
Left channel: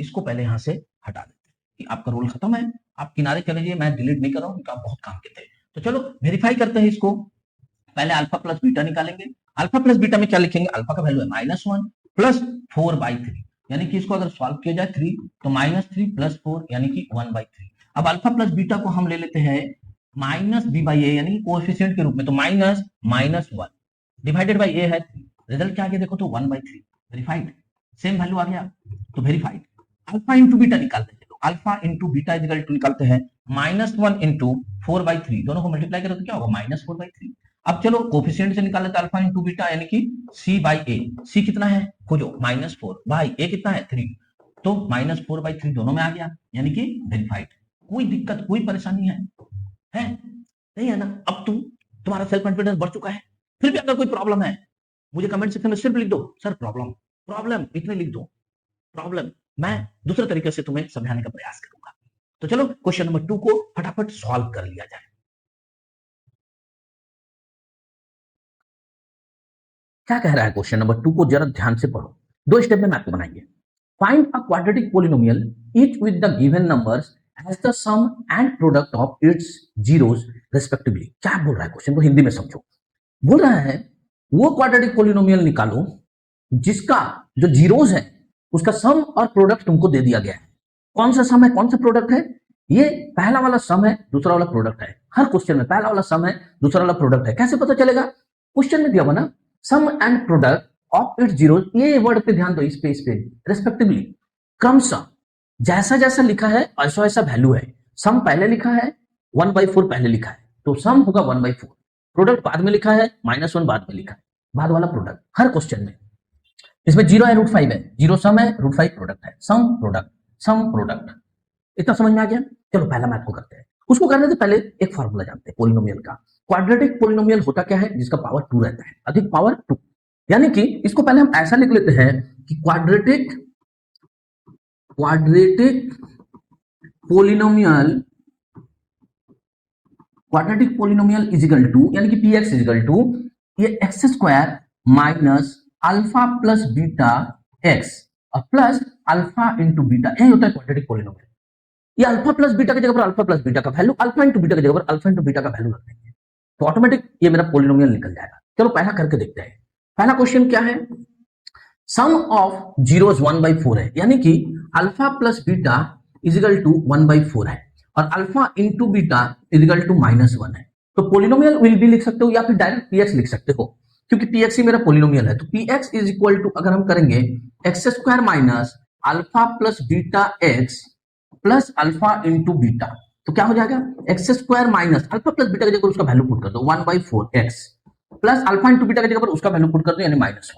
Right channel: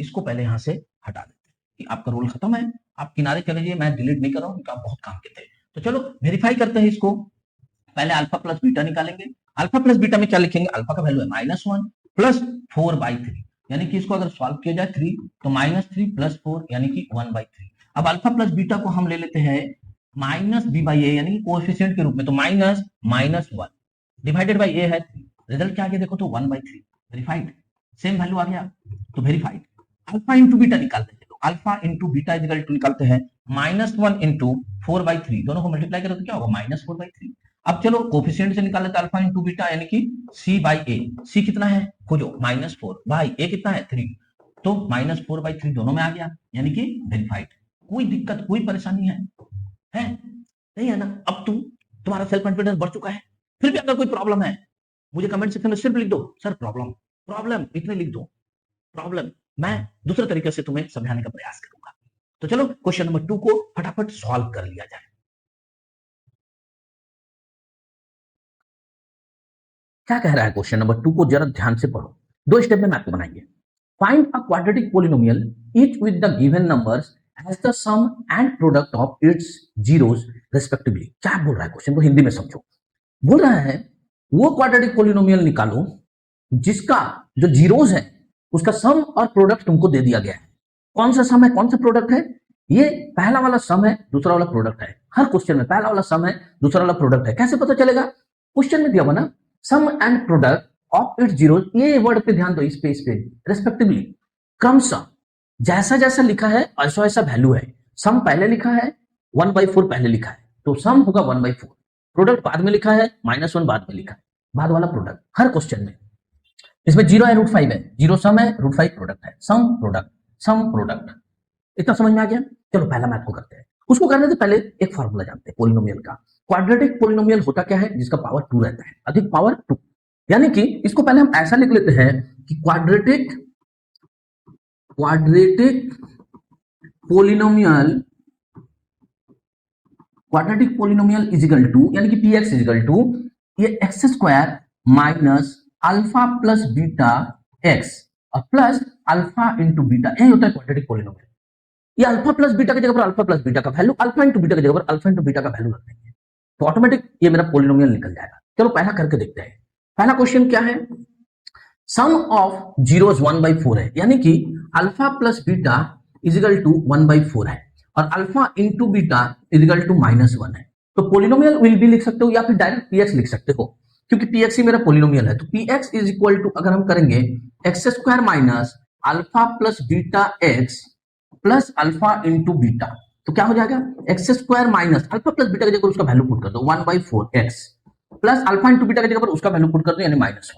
इसको पहले यहाँ से हटा देते हैं। आपका रोल खत्म है, आप किनारे चले जाइए, मैं डिलीट नहीं कर रहा हूँ, आप बहुत काम के थे। तो चलो वेरीफाई करते हैं इसको। पहले अल्फा प्लस बीटा निकालेंगे। अल्फा प्लस बीटा में क्या लिखेंगे? अल्फा का वैल्यू है -1 प्लस 4/3, यानी कि इसको अगर सॉल्व किया जाए 3 तो -3 प्लस 4 यानी कि 1/3। अब अल्फा प्लस बीटा को हम ले लेते हैं -b/a यानी कि कोएफिशिएंट के रूप में, तो -1 डिवाइडेड बाय a है 3। रिजल्ट क्या आ गया देखो तो 1/3। वेरीफाइड, सेम वैल्यू आ गया, तो वेरीफाइड। अल्फा इंटू बीटा निकालते हैं, तो alpha into beta is equal to निकालते हैं -1 इंटू 4/3, दोनों को मल्टीप्लाई करें तो क्या होगा? -4/3। अब चलो कोफिशिएंट से निकाल लेते हैं अल्फा इंटू बीटा यानी कि c/a। c कितना है खोजो, -4 बाई a कितना है 3, तो -4/3 दोनों में आ गया, यानी कि वेरीफाइड। कोई दिक्कत कोई परेशानी है नहीं है ना? अब तुम्हारा सेल्फ कॉन्फिडेंस बढ़ चुका है, फिर भी अगर कोई प्रॉब्लम है मुझे कमेंट सेक्शन में सिर्फ लिख दो, सर प्रॉब्लम प्रॉब्लम इतने लिख दो, प्रॉब्लम, मैं दूसरे तरीके से तुम्हें समझाने का प्रयास करूंगा। तो चलो क्वेश्चन नंबर 2 को फटाफट सॉल्व कर लिया जाए। क्या कह रहा है क्वेश्चन नंबर 2 को जरा ध्यान से पढ़ो, दो स्टेप में मैथ को बनाएंगे। Find a quadratic polynomial each with the given numbers has the sum and product of its zeros respectively. क्या बोल रहा है क्वेश्चन को हिंदी में समझो। बोल रहा है वो क्वाड्रेटिक पोलिनोमियल निकालो जिसका जो जीरोस है उसका सम और प्रोडक्ट तुमको दे दिया गया है। कौन सा सम है कौन सा प्रोडक्ट है? ये पहला वाला सम है, दूसरा वाला प्रोडक्ट है। हर क्वेश्चन में पहला वाला सम है, दूसरा वाला प्रोडक्ट है। कैसे पता चलेगा? क्वेश्चन में दिया हुआ ना, sum and product of its zeros, ये वर्ड पे ध्यान दो, इस पे रिस्पेक्टिवली, क्रमशः जैसा जैसा लिखा है ऐसा ऐसा वैल्यू है। सम पहले लिखा है, 1/4 पहले लिखा है, तो सम होगा 1/4। प्रोडक्ट बाद में लिखा है, -1 बाद में लिखा है, बाद वाला प्रोडक्ट हर क्वेश्चन में। इसमें 0 है, √5 है, 0 सम है, √5 प्रोडक्ट है, सम प्रोडक्ट है। इतना समझ में आ गया? चलो पहला मैथ को करते हैं। उसको करने से पहले एक फॉर्मूला जानते हैं पोलिनोमियल का। क्वाड्रेटिक पोलिनोमियल होता क्या है? जिसका पावर 2 रहता है, अधिक पावर 2। यानी कि इसको पहले हम ऐसा लिख लेते हैं कि quadratic polynomial is equal to, यानी कि px इज इक्वल टू ये x² minus alpha plus beta x और प्लस अल्फा इंटू बीटा, यही होता है क्वाड्रेटिक पोलिनोमियल। ये अल्फा प्लस बीटा की जगह पर अल्फा प्लस बीटा का वैल्यू, अल्फा इंटू बीटा की जगह पर अल्फा इंटू बीटा का वैल्यू रख देंगे, तो ऑटोमेटिक ये मेरा पोलिनोमियल निकल जाएगा। चलो पहला करके देखते हैं। पहला क्वेश्चन क्या है? सम ऑफ जीरोस 1/4 है, यानी कि alpha plus beta is equal to 1/4 है और alpha into beta is equal to -1 है। तो पोलिनोमियल विल भी लिख सकते हो या फिर डायरेक्ट पीएक्स लिख सकते हो, क्योंकि पीएक्स ही मेरा पोलिनोमियल है। तो पीएक्स इज इक्वल टू, अगर हम करेंगे x square minus alpha plus beta X plus alpha into beta, तो क्या हो जाएगा X square minus alpha plus beta की जगह उसका वैल्यू पुट कर दो 1/4 x plus alpha into beta की जगह पर उसका वैल्यू पुट कर दो यानी -1।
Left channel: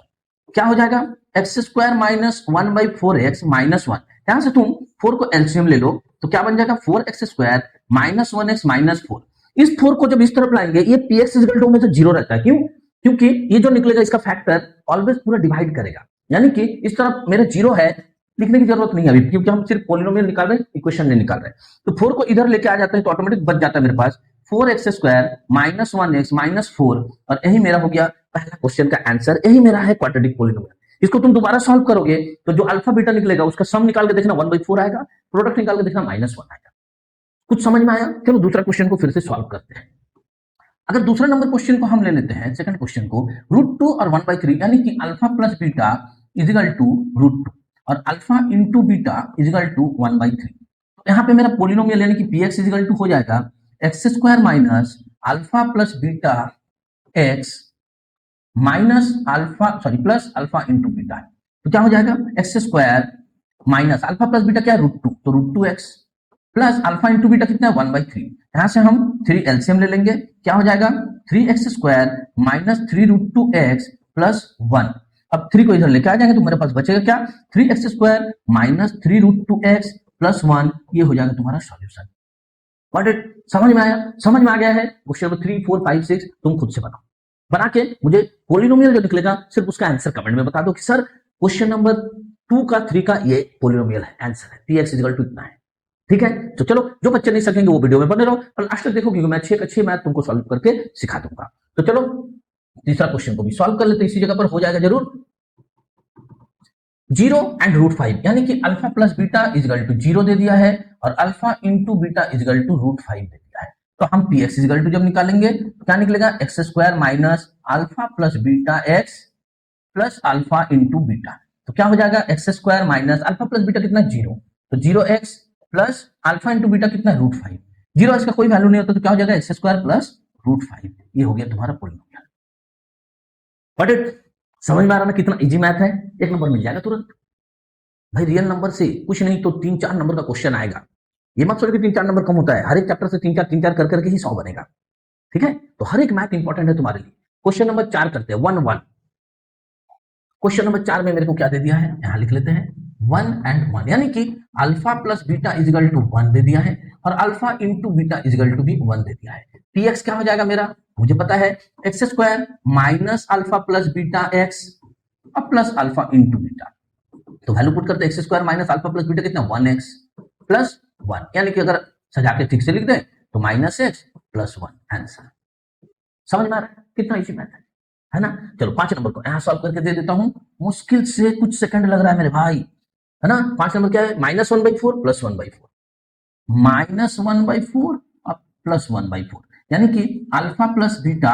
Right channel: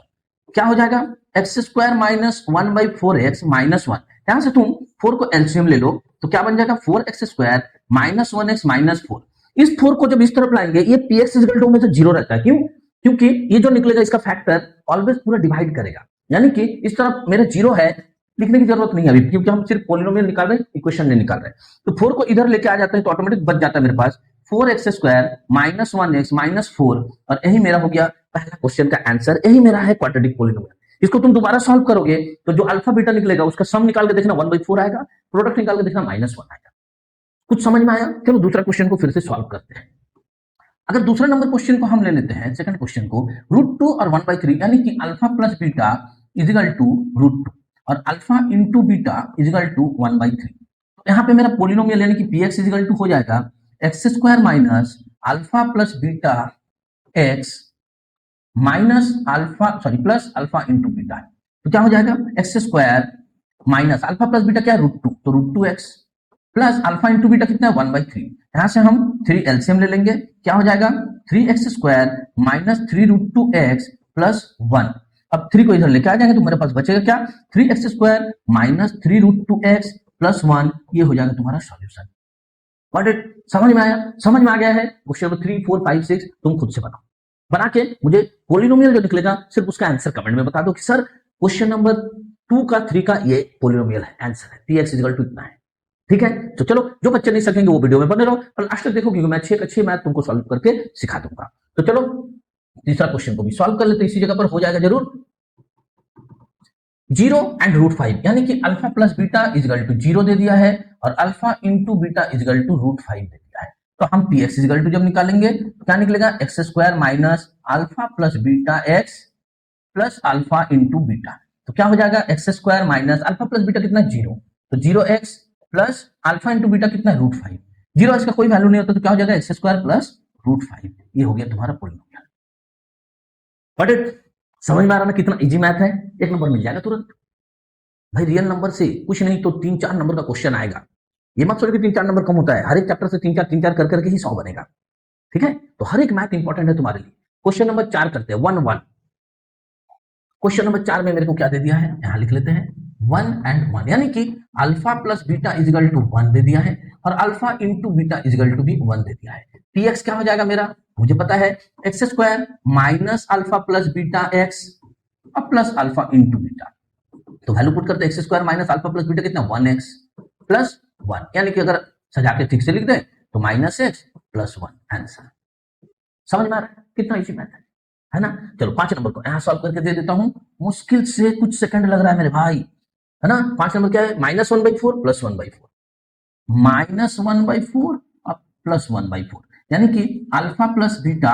क्या हो जाएगा एक्स स्क्वायर माइनस 1/4 एक्स -1। यहां से तुम 4 को एलसीएम ले लो तो क्या बन जाएगा 4x square minus 1x minus 4। इस 4 को जब इस तरफ लाएंगे ये px इक्वल टू में से 0 रहता है, क्यों? क्योंकि ये जो निकलेगा इसका फैक्टर ऑलवेज पूरा डिवाइड करेगा, यानी कि इस तरफ मेरा 0 है, लिखने की जरूरत नहीं है अभी, क्योंकि हम सिर्फ पोलिनोमियल निकाल रहे हैं, इक्वेशन नहीं निकाल रहे हैं। तो 4 को इधर लेके आ जाते हैं तो ऑटोमेटिक बच जाता है मेरे पास 4x square minus 1x minus 4, और यही मेरा हो गया पहला क्वेश्चन का आंसर। यही मेरा है क्वाड्रेटिक पोलिनोमियल। इसको तुम दोबारा सॉल्व करोगे तो जो अल्फा बीटा निकलेगा उसका सम निकाल के देखना 1/4 आएगा, प्रोडक्ट निकाल के देखना -1 आएगा। कुछ समझ में आया? चलो दूसरा क्वेश्चन को फिर से सॉल्व करते हैं। अगर दूसरा नंबर क्वेश्चन को हम ले लेते हैं, सेकंड क्वेश्चन को, √2 और 1/3, यानी कि alpha plus beta equal to √2 और alpha into beta equal to 1/3। यहाँ पे मेरा पोलिनोमियल यानी कि px इक्वल टू हो जाएगा X square minus alpha plus beta x minus alpha sorry plus alpha into beta. तो क्या हो जाएगा X square minus alpha plus beta क्या है √2, तो √2x plus alpha into beta कितना है 1/3। यहां से हम 3 एलसीएम ले लेंगे, क्या हो जाएगा 3x square minus 3√2x plus 1। अब 3 को इधर लेके आ जाएंगे तो मेरे पास बचेगा क्या 3x square minus 3√2x plus 1। ये हो जाएगा तुम्हारा सॉल्यूशन। बट समझ में आया? समझ में आ गया है? क्वेश्चन 3, 4, 5, 6 तुम खुद से बनाओ, बना के मुझे पोलिनोमियल जो निकलेगा सिर्फ उसका आंसर कमेंट में बता दो कि सर क्वेश्चन नंबर 2 का 3 का ये पोलिनोमियल है, आंसर है px इक्वल टू इतना है। ठीक है, तो चलो जो बच्चे नहीं सकेंगे वो वीडियो में बने रहो और लास्ट तक देखो, क्योंकि मैं 6 का 6 मैथ तुमको सॉल्व करके सिखा दूंगा। तो चलो तीसरा क्वेश्चन को भी सॉल्व कर लेते, इसी जगह पर हो जाएगा जरूर 0 एंड √5, यानी कि alpha plus beta equal to 0 दे दिया है और alpha into beta equal to √5 दे दिया है। तो हम px इक्वल टू जब निकालेंगे तो क्या निकलेगा x square minus alpha plus beta X plus alpha into beta. तो क्या हो जाएगा X square minus alpha plus beta कितना 0, तो 0x plus alpha into beta कितना √5। 0x का कोई वैल्यू नहीं होता तो क्या हो जाएगा एक्स स्क्वायर प्लस √5। ये हो गया तुम्हारा पोलिनोमियल। बट समझ में आ रहा ना कितना इजी मैथ है? एक नंबर मिल जाएगा तुरंत भाई। रियल नंबर से कुछ नहीं तो 3-4 नंबर का क्वेश्चन आएगा। ये मत सोच के 3-4 नंबर कम होता है, हर एक चैप्टर से 3-4 कर करके ही 100 बनेगा। ठीक है, तो हर एक मैथ इंपॉर्टेंट है तुम्हारे लिए। क्वेश्चन नंबर 4 करते हैं 1-1। क्वेश्चन नंबर 4 में मेरे को क्या दे दिया है, यहां लिख लेते हैं 1 and 1, यानी कि alpha plus beta equal to 1 दे दिया है और alpha into beta equal to भी 1 दे दिया है। px क्या हो जाएगा मेरा, मुझे पता है x square minus alpha plus beta x और प्लस अल्फा इंटू बीटा। तो वैल्यू पुट करते हैं X square minus alpha plus beta कितना 1x प्लस 1, यानी कि अगर सजा के ठीक से लिख दे तो -x प्लस 1 आंसर। समझ में आ रहा है कितना इजी मैथ है ना? चलो 5 नंबर को यहां सॉल्व करके दे देता हूं, मुश्किल से कुछ सेकंड लग रहा है मेरे भाई, है ना? 5 नंबर क्या है -1/4 प्लस 1/4 -1/4 और प्लस 1/4, यानी कि alpha plus beta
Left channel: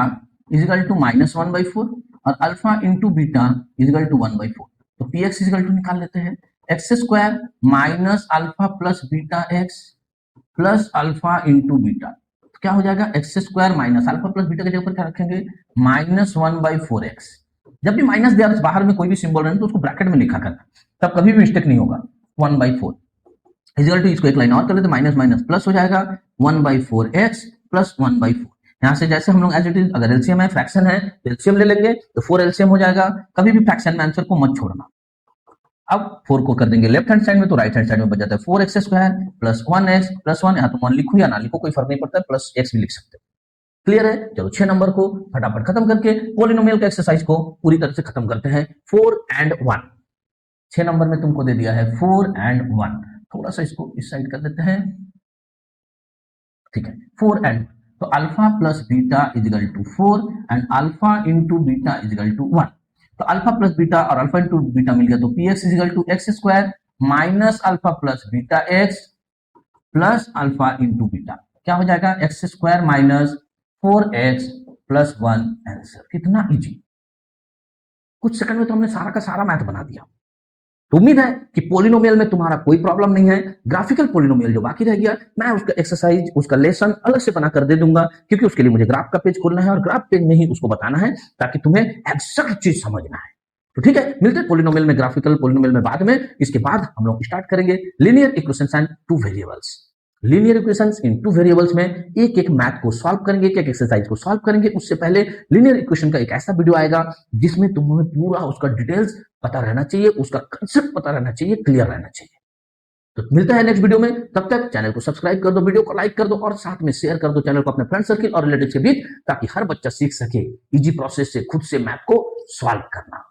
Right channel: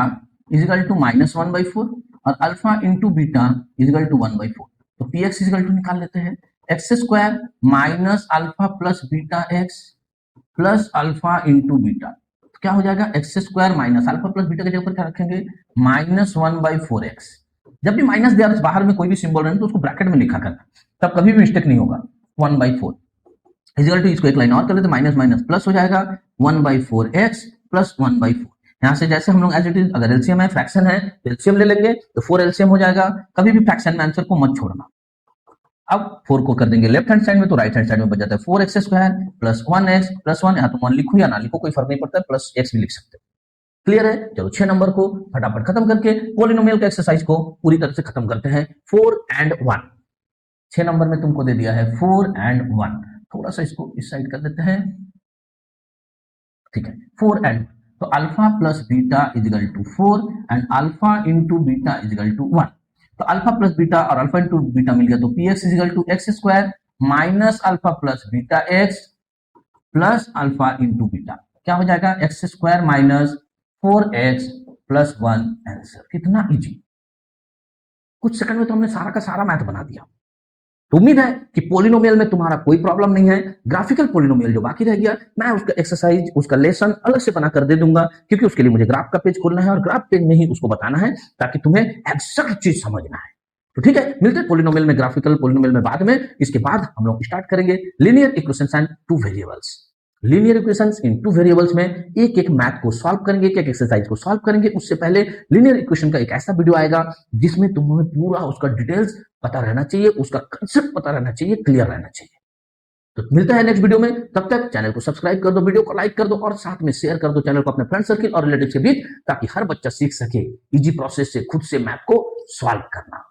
equal to -1/4 और alpha into beta equal to 1/4। तो px इक्वल टू निकाल लेते हैं X square minus alpha plus beta X plus alpha into beta. तो क्या हो जाएगा X square minus alpha plus beta के जगह पर क्या रखेंगे -1/4x। जब भी माइनस दिया बाहर में कोई भी सिंबल रहे तो उसको ब्रैकेट में लिखा करना, तब कभी भी मिस्टेक नहीं होगा। 1/4 इक्वल टू, इसको एक लाइन और कर लेते माइनस माइनस प्लस हो जाएगा 1/4x प्लस 1/4। यहाँ से जैसे हम लोग एज इट इज, अगर एलसीएम है फ्रैक्शन है तो एलसीएम ले लेंगे, तो 4 एलसीएम हो जाएगा। कभी भी फ्रैक्शन में आंसर को मत छोड़ना। अब 4 को कर देंगे लेफ्ट हैंड साइड में तो राइट हैंड साइड में बच जाता है 4x square plus 1x plus 1, यहाँ तो 1 लिखो या ना लिखो कोई फर्क नहीं पड़ता है, प्लस x भी लिख सकते हो। क्लियर है? चलो 6 नंबर को फटाफट खत्म करके पॉलिनोमियल के एक्सरसाइज को पूरी तरह से खत्म करते हैं। 4 and 1, 6 नंबर में तुमको दे दिया है 4 and 1। थोड़ा सा इसको इस साइड कर देते हैं, ठीक है। 4 and, तो alpha plus beta equal to 4 and alpha into beta equal to 1। तो अल्फा प्लस बीटा और अल्फा इंटू बीटा मिल गया तो px equal to X square minus alpha plus beta X plus alpha into beta. क्या हो जाएगा X square minus 4x plus 1 answer. कितना easy. कुछ सेकंड में तो हमने सारा का सारा मैथ बना दिया। तो उम्मीद है कि पोलिनोमियल में तुम्हारा कोई प्रॉब्लम नहीं है। ग्राफिकल पोलिनोमियल जो बाकी रह गया, मैं उसका एक्सरसाइज, उसका लेसन अलग से बना कर दे दूंगा, क्योंकि उसके लिए मुझे ग्राफिकल उसको बताना है ताकि तुम्हें सभी चीज समझ में आए। ठीक है, लिनियर पोलिनोमियल में, ग्राफिकल पोलिनोमियल में बाद में, इसके बाद हम लोग स्टार्ट करेंगे linear equations and two variables. Linear equations and two variables में एक एक मैथ को सॉल्व करेंगे, एक एक्सरसाइज को सॉल्व करेंगे। उससे पहले लिनियर इक्वेशन का एक ऐसा वीडियो आएगा जिसमें तुम्हें पूरा उसका डिटेल्स पता रहना चाहिए, उसका कंसेप्ट पता रहना चाहिए, क्लियर रहना चाहिए। तो मिलता है नेक्स्ट वीडियो में, तब तक चैनल को सब्सक्राइब कर दो, वीडियो को लाइक कर दो और साथ में शेयर कर दो चैनल को अपने फ्रेंड सर्किल और रिलेटिव से भी, ताकि हर बच्चा सीख सके इजी प्रोसेस से खुद से मैथ को सॉल्व करना।